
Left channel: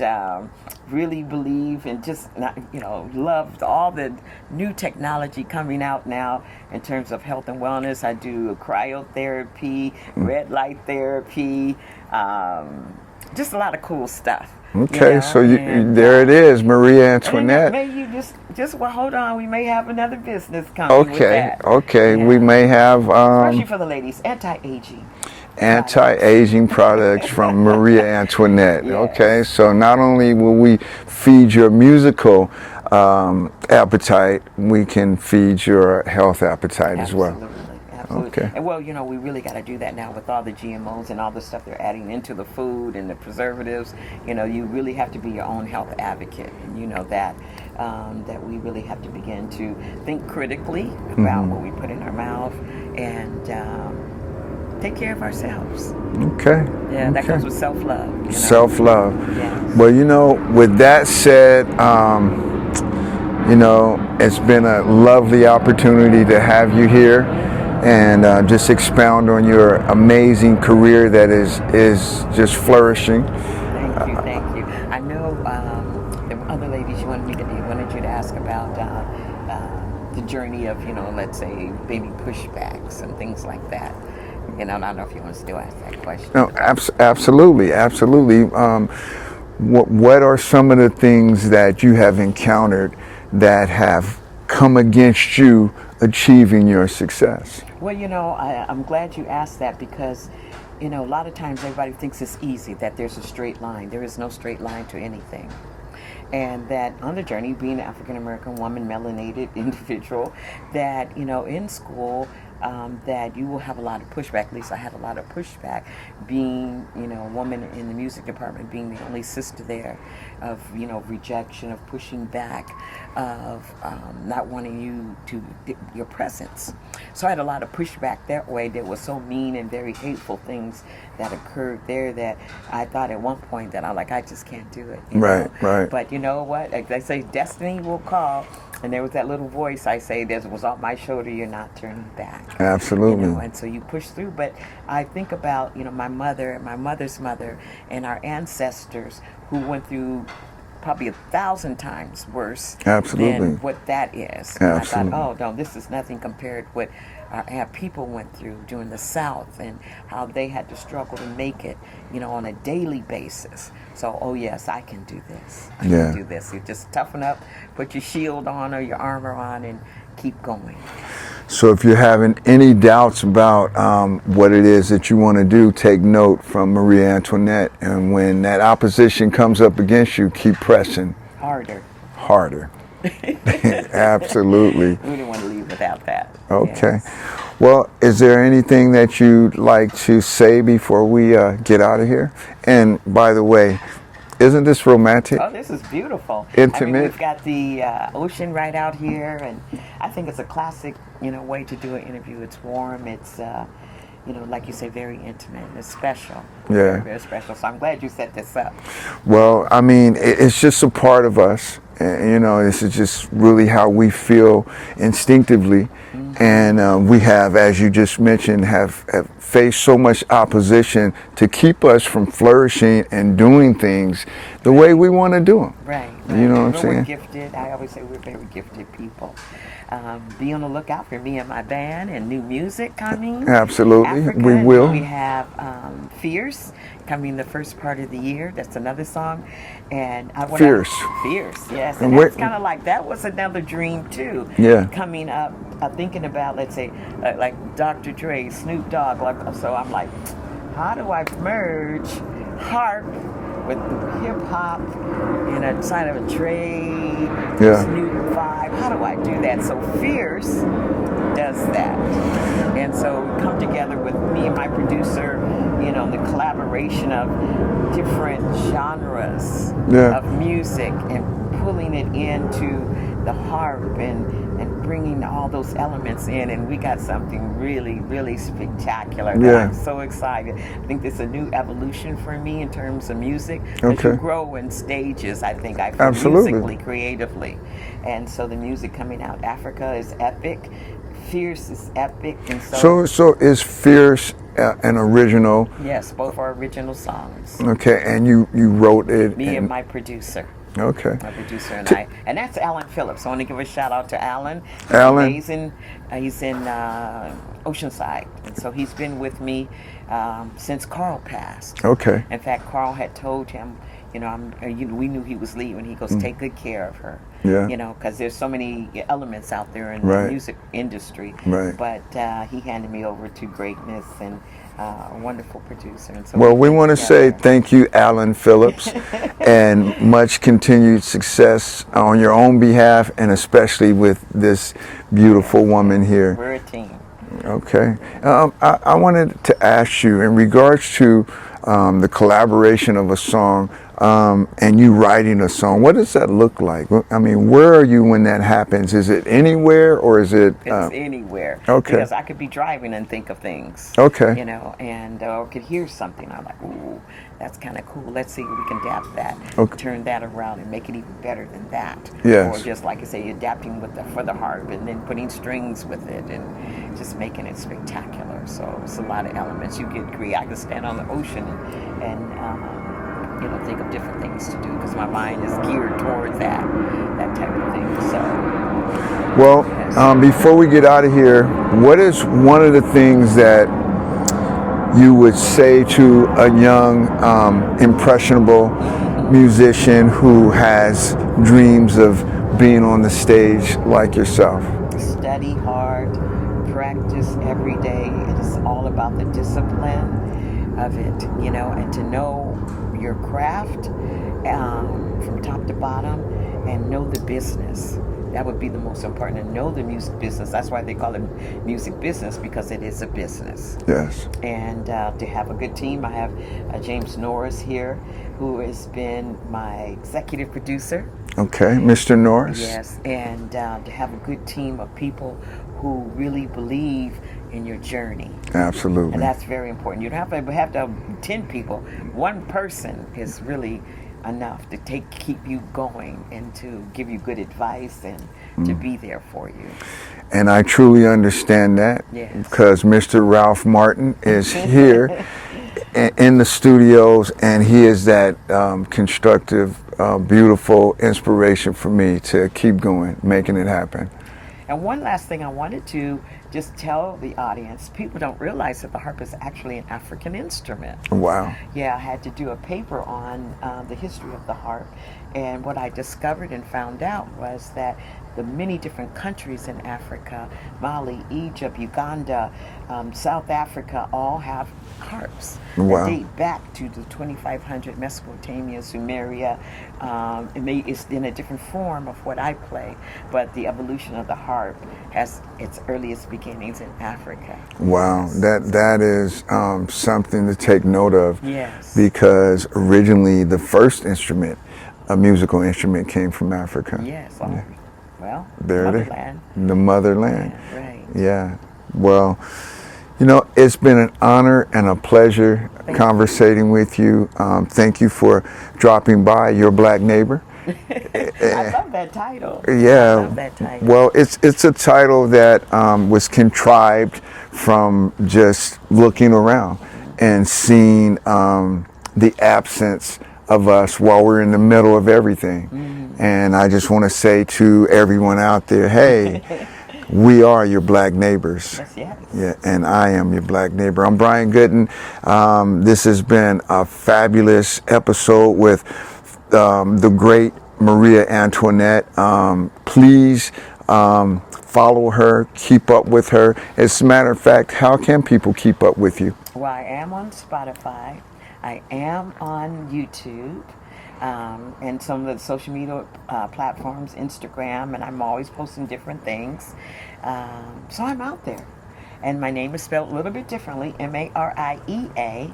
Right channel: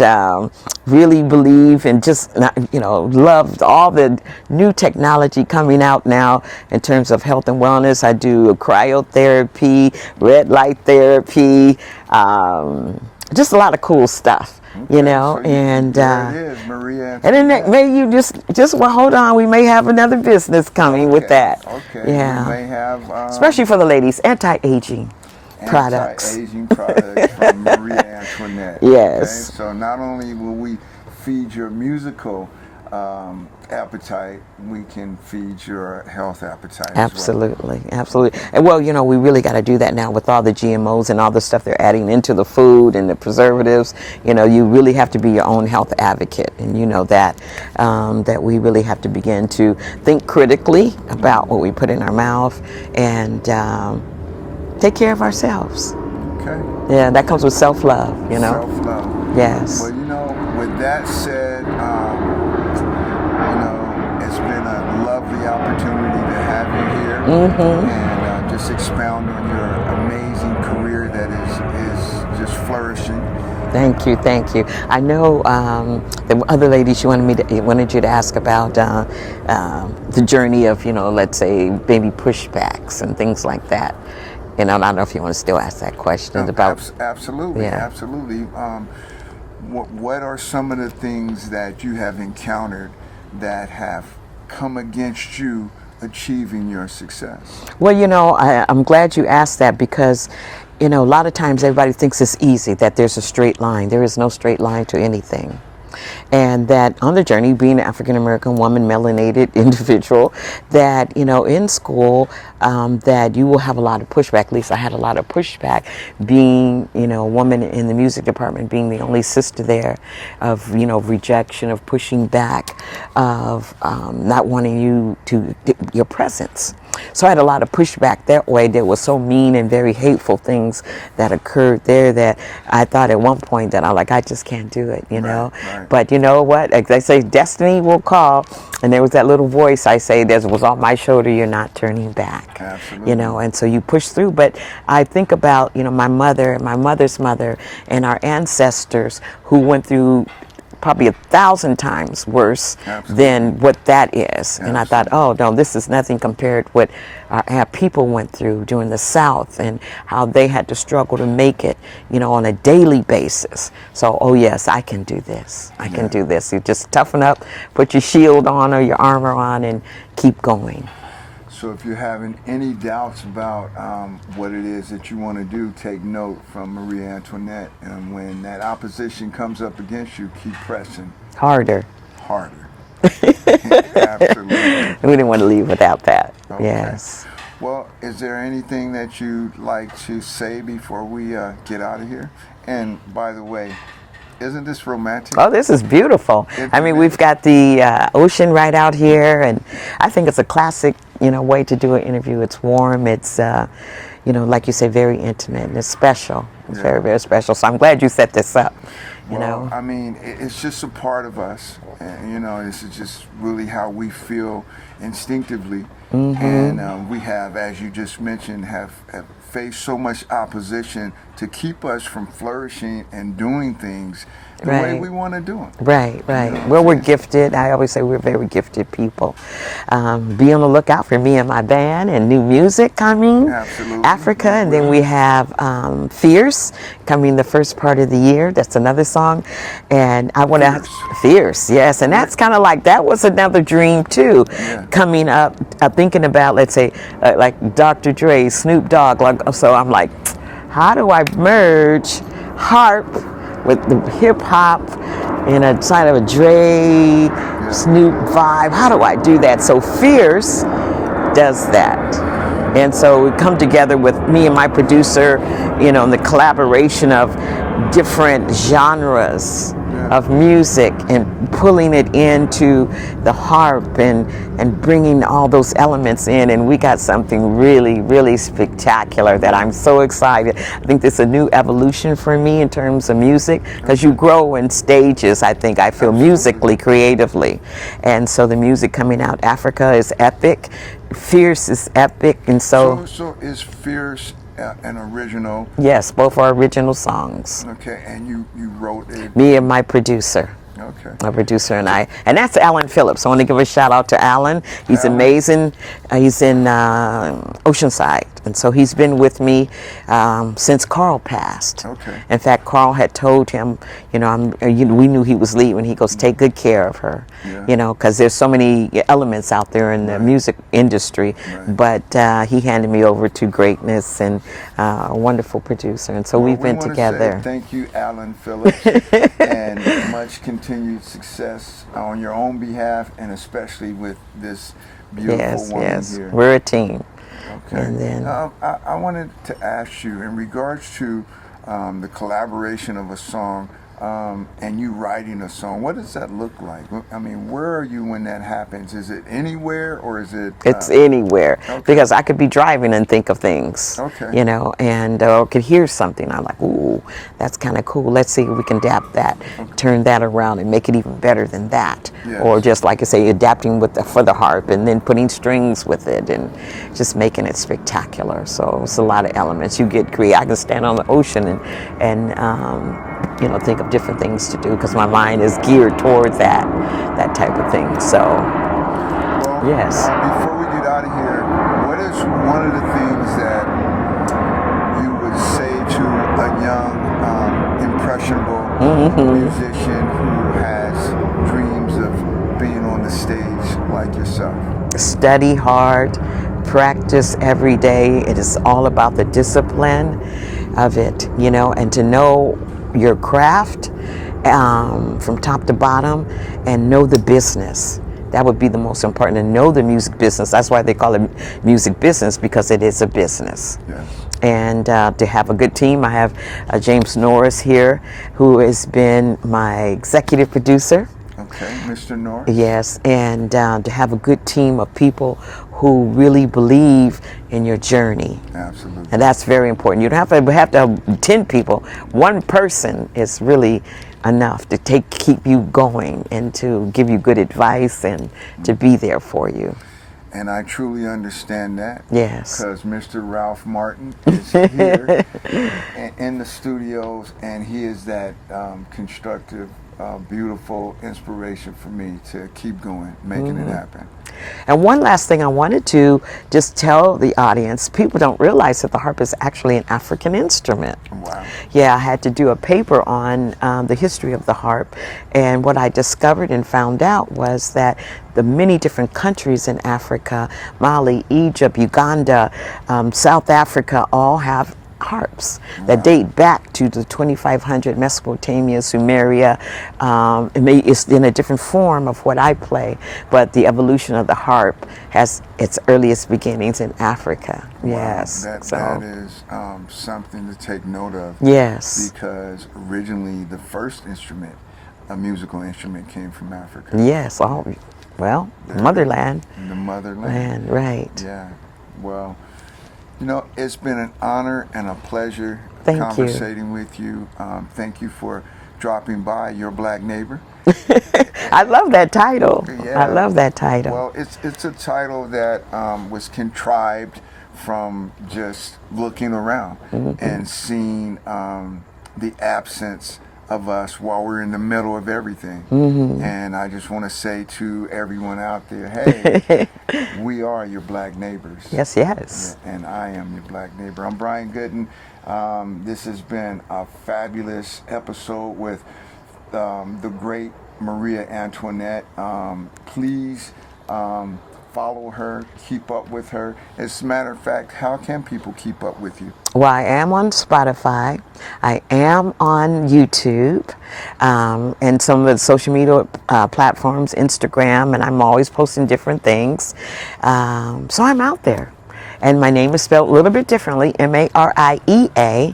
really believe and just, you know, love all the new technology coming out now in terms of health and wellness. I do cryotherapy, red light therapy, just a lot of cool stuff. Okay, you know? so there it is, Mariea Antoinette. And then maybe you just well, hold on, we may have another business coming with that. Okay, we may have... especially for the ladies, anti-aging products from Mariea Antoinette. Yes. Okay, so not only will we feed your musical appetite, we can feed your health appetite as well. Absolutely. And well, you know, we really got to do that now with all the GMOs and all the stuff they're adding into the food and the preservatives. You know, you really have to be your own health advocate, and you know that that we really have to begin to think critically about what we put in our mouth and take care of ourselves. Okay. Yeah, that comes with self-love. You know? Self-love. Yes. Well, you know, with that said, you know, it's been a lovely opportunity to have you here and just expound on your amazing career that is just flourishing. Thank you. I know the other ladies wanted you to ask about the journey of, you know, let's say maybe pushbacks and things like that. You know, I don't know if you want to still ask that question. No, absolutely. What are some of the things that you have encountered that have come against you achieving your success? Well, you know, I'm glad you asked that because, you know, a lot of times everybody thinks it's easy, that there's a straight line. There is no straight line to anything. And that on the journey, being an African-American woman, melanated individual, that, you know, in school, that you will have a lot of pushback. At least I had a lot of pushback being, you know, a woman in the music department, being the only sister there, of, you know, rejection, of pushing back, of not wanting you to, your presence. So I had a lot of pushback that way. There was so mean and very hateful things that occurred there that I thought at one point that I just can't do it, you know. Right. But you know what? Like they say, destiny will call. And there was that little voice I say, there was on my shoulder, you're not turning back. Absolutely. You know, and so you push through. But I think about, you know, my mother, my mother's mother, and our ancestors who went through probably 1,000 times worse than what that is. And I thought, oh no, this is nothing compared to what our people went through during the South and how they had to struggle to make it, you know, on a daily basis. So, oh yes, I can do this. I can do this. You just toughen up, put your shield on or your armor on, and keep going. So if you're having any doubts about what it is that you want to do, take note from Mariea Antoinette. And when that opposition comes up against you, keep pressing. Harder. Absolutely. We didn't want to leave without that. Okay. Yes. Well, is there anything that you'd like to say before we get out of here? And by the way, isn't this romantic? Oh, this is beautiful. Intimate. I mean, we've got the ocean right out here, and I think it's a classic, you know, way to do an interview. It's warm. It's, you know, like you say, very intimate, and it's special. It's very, very special. So I'm glad you set this up. Well, you know? I mean, it's just a part of us. You know, this is just really how we feel instinctively. and we have, as you just mentioned, have faced so much opposition to keep us from flourishing and doing things the way we want to do them. Right. You know Well, we're gifted. I always say we're very gifted people. Be on the lookout for me and my band and new music coming. Absolutely. Africa. And then we have Fierce coming the first part of the year. That's another song. And I want to... Fierce, yes. And that's kind of like, that was another dream too. Yeah. Coming up, thinking about, let's say, like Dr. Dre, Snoop Dogg. So I'm like, how do I merge harp with the hip hop in a side of a Dre, Snoop vibe? How do I do that? So Fierce does that. And so we come together with me and my producer, in the collaboration of different genres of music and pulling it into the harp and bringing all those elements in, and we got something really, really spectacular that I'm so excited. I think this is a new evolution for me in terms of music, because you grow in stages, I think. I feel musically, creatively. And so the music coming out, Africa is epic, Fierce is epic, and so is Fierce an original? Yes, both are original songs. Okay, and you wrote it? Me and my producer. Okay. My producer and I. And that's Alan Phillips. I want to give a shout out to Alan. He's amazing. He's in Oceanside. And so he's been with me since Carl passed. Okay. In fact, Carl had told him, we knew he was leaving. He goes, take good care of her. Yeah. Because there's so many elements out there in the music industry. Right. But he handed me over to greatness, and a wonderful producer. And so we want to say thank you, Alan Phillips, and much continued success on your own behalf, and especially with this beautiful woman here. We're a team. Okay. I wanted to ask you, in regards to the collaboration of a song and you writing a song, what does that look like? I mean, where are you when that happens? Is it anywhere, or is it? It's anywhere. Okay. Because I could be driving and think of things. Okay. And could hear something. I'm like, ooh, that's kind of cool. Let's see if we can adapt that, turn that around, and make it even better than that. Yes. Or just like I say, adapting for the harp, and then putting strings with it, and just making it spectacular. So it's a lot of elements. You get creative. I can stand on the ocean and think of different things to do, because my mind is geared toward that type of thing. So, well, before we get out of here, what is one of the things that you would say to a young, impressionable musician who has dreams of being on the stage like yourself? Study hard, practice every day. It is all about the discipline of it, and to know your craft from top to bottom, and know the business. That would be the most important, to know the music business. That's why they call it music business, because it is a business. Yes. And to have a good team. I have James Norris here, who has been my executive producer. Okay, Mr. Norris. Yes, and to have a good team of people who really believe in your journey. Absolutely. And that's very important. You don't have to have 10 people. One person is really enough to keep you going, and to give you good advice, and to be there for you. And I truly understand that. Yes. Because Mr. Ralph Martin is here in the studios, and he is that constructive, beautiful inspiration for me to keep going, making it happen. And one last thing I wanted to just tell the audience, people don't realize that the harp is actually an African instrument. Wow. Yeah, I had to do a paper on the history of the harp, and what I discovered and found out was that the many different countries in Africa, Mali, Egypt, Uganda, South Africa, all have harps that date back to the 2500 Mesopotamia, Sumeria. It's in a different form of what I play, but the evolution of the harp has its earliest beginnings in Africa. Wow, yes. That is something to take note of. Yes. Because originally the first instrument, a musical instrument, came from Africa. Yes. Oh, well, motherland. The motherland. Right. Yeah. Well, you know, it's been an honor and a pleasure conversating with you. Thank you for dropping by, your black neighbor. I love that title. Yeah. I love that title. Well, it's a title that was contrived from just looking around and seeing the absence of us while we're in the middle of everything. And I just want to say to everyone out there, hey, we are your black neighbors. Yes, yes. Yeah, and I am your black neighbor. I'm Brian Goodin. This has been a fabulous episode with the great Mariea Antoinette. Please follow her, keep up with her. As a matter of fact, how can people keep up with you? Well, I am on Spotify. I am on YouTube and some of the social media platforms, Instagram, and I'm always posting different things. So I'm out there. And my name is spelled a little bit differently, Mariea,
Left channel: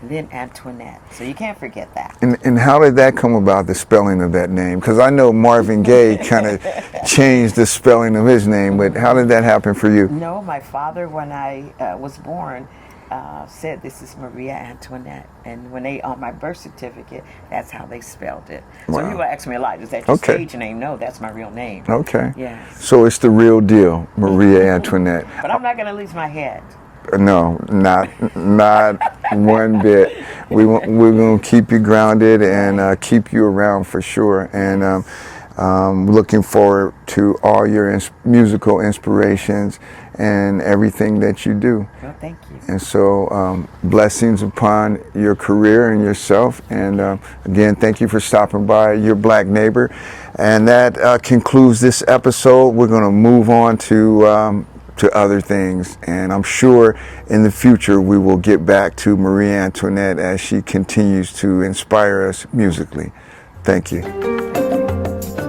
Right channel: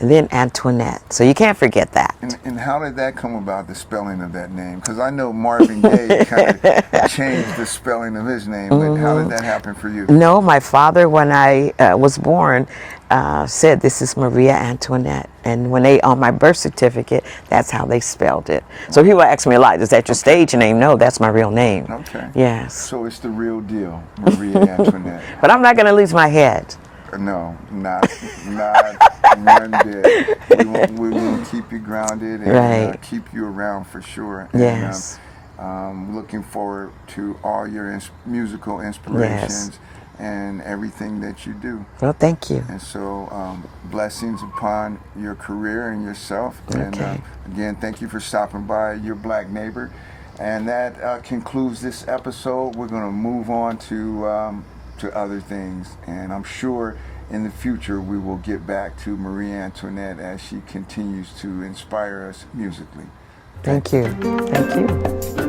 and then Antoinette. So you can't forget that. And how did that come about, the spelling of that name? Because I know Marvin Gaye kind of changed the spelling of his name, but how did that happen for you? No, my father, when I was born, said this is Mariea Antoinette, and when they on my birth certificate, that's how they spelled it. Wow. So people ask me a lot, is that your stage name? No, that's my real name. Okay. Yes. So it's the real deal, Mariea Antoinette. But I'm not going to lose my head. No, not one bit. We're going to keep you grounded and keep you around for sure. Yes. And looking forward to all your musical inspirations. Yes. And everything that you do. Well, thank you. And so blessings upon your career and yourself. And again, thank you for stopping by, your black neighbor. And that concludes this episode. We're going to move on to other things. And I'm sure in the future we will get back to Mariea Antoinette as she continues to inspire us musically. Thank you. Thank you.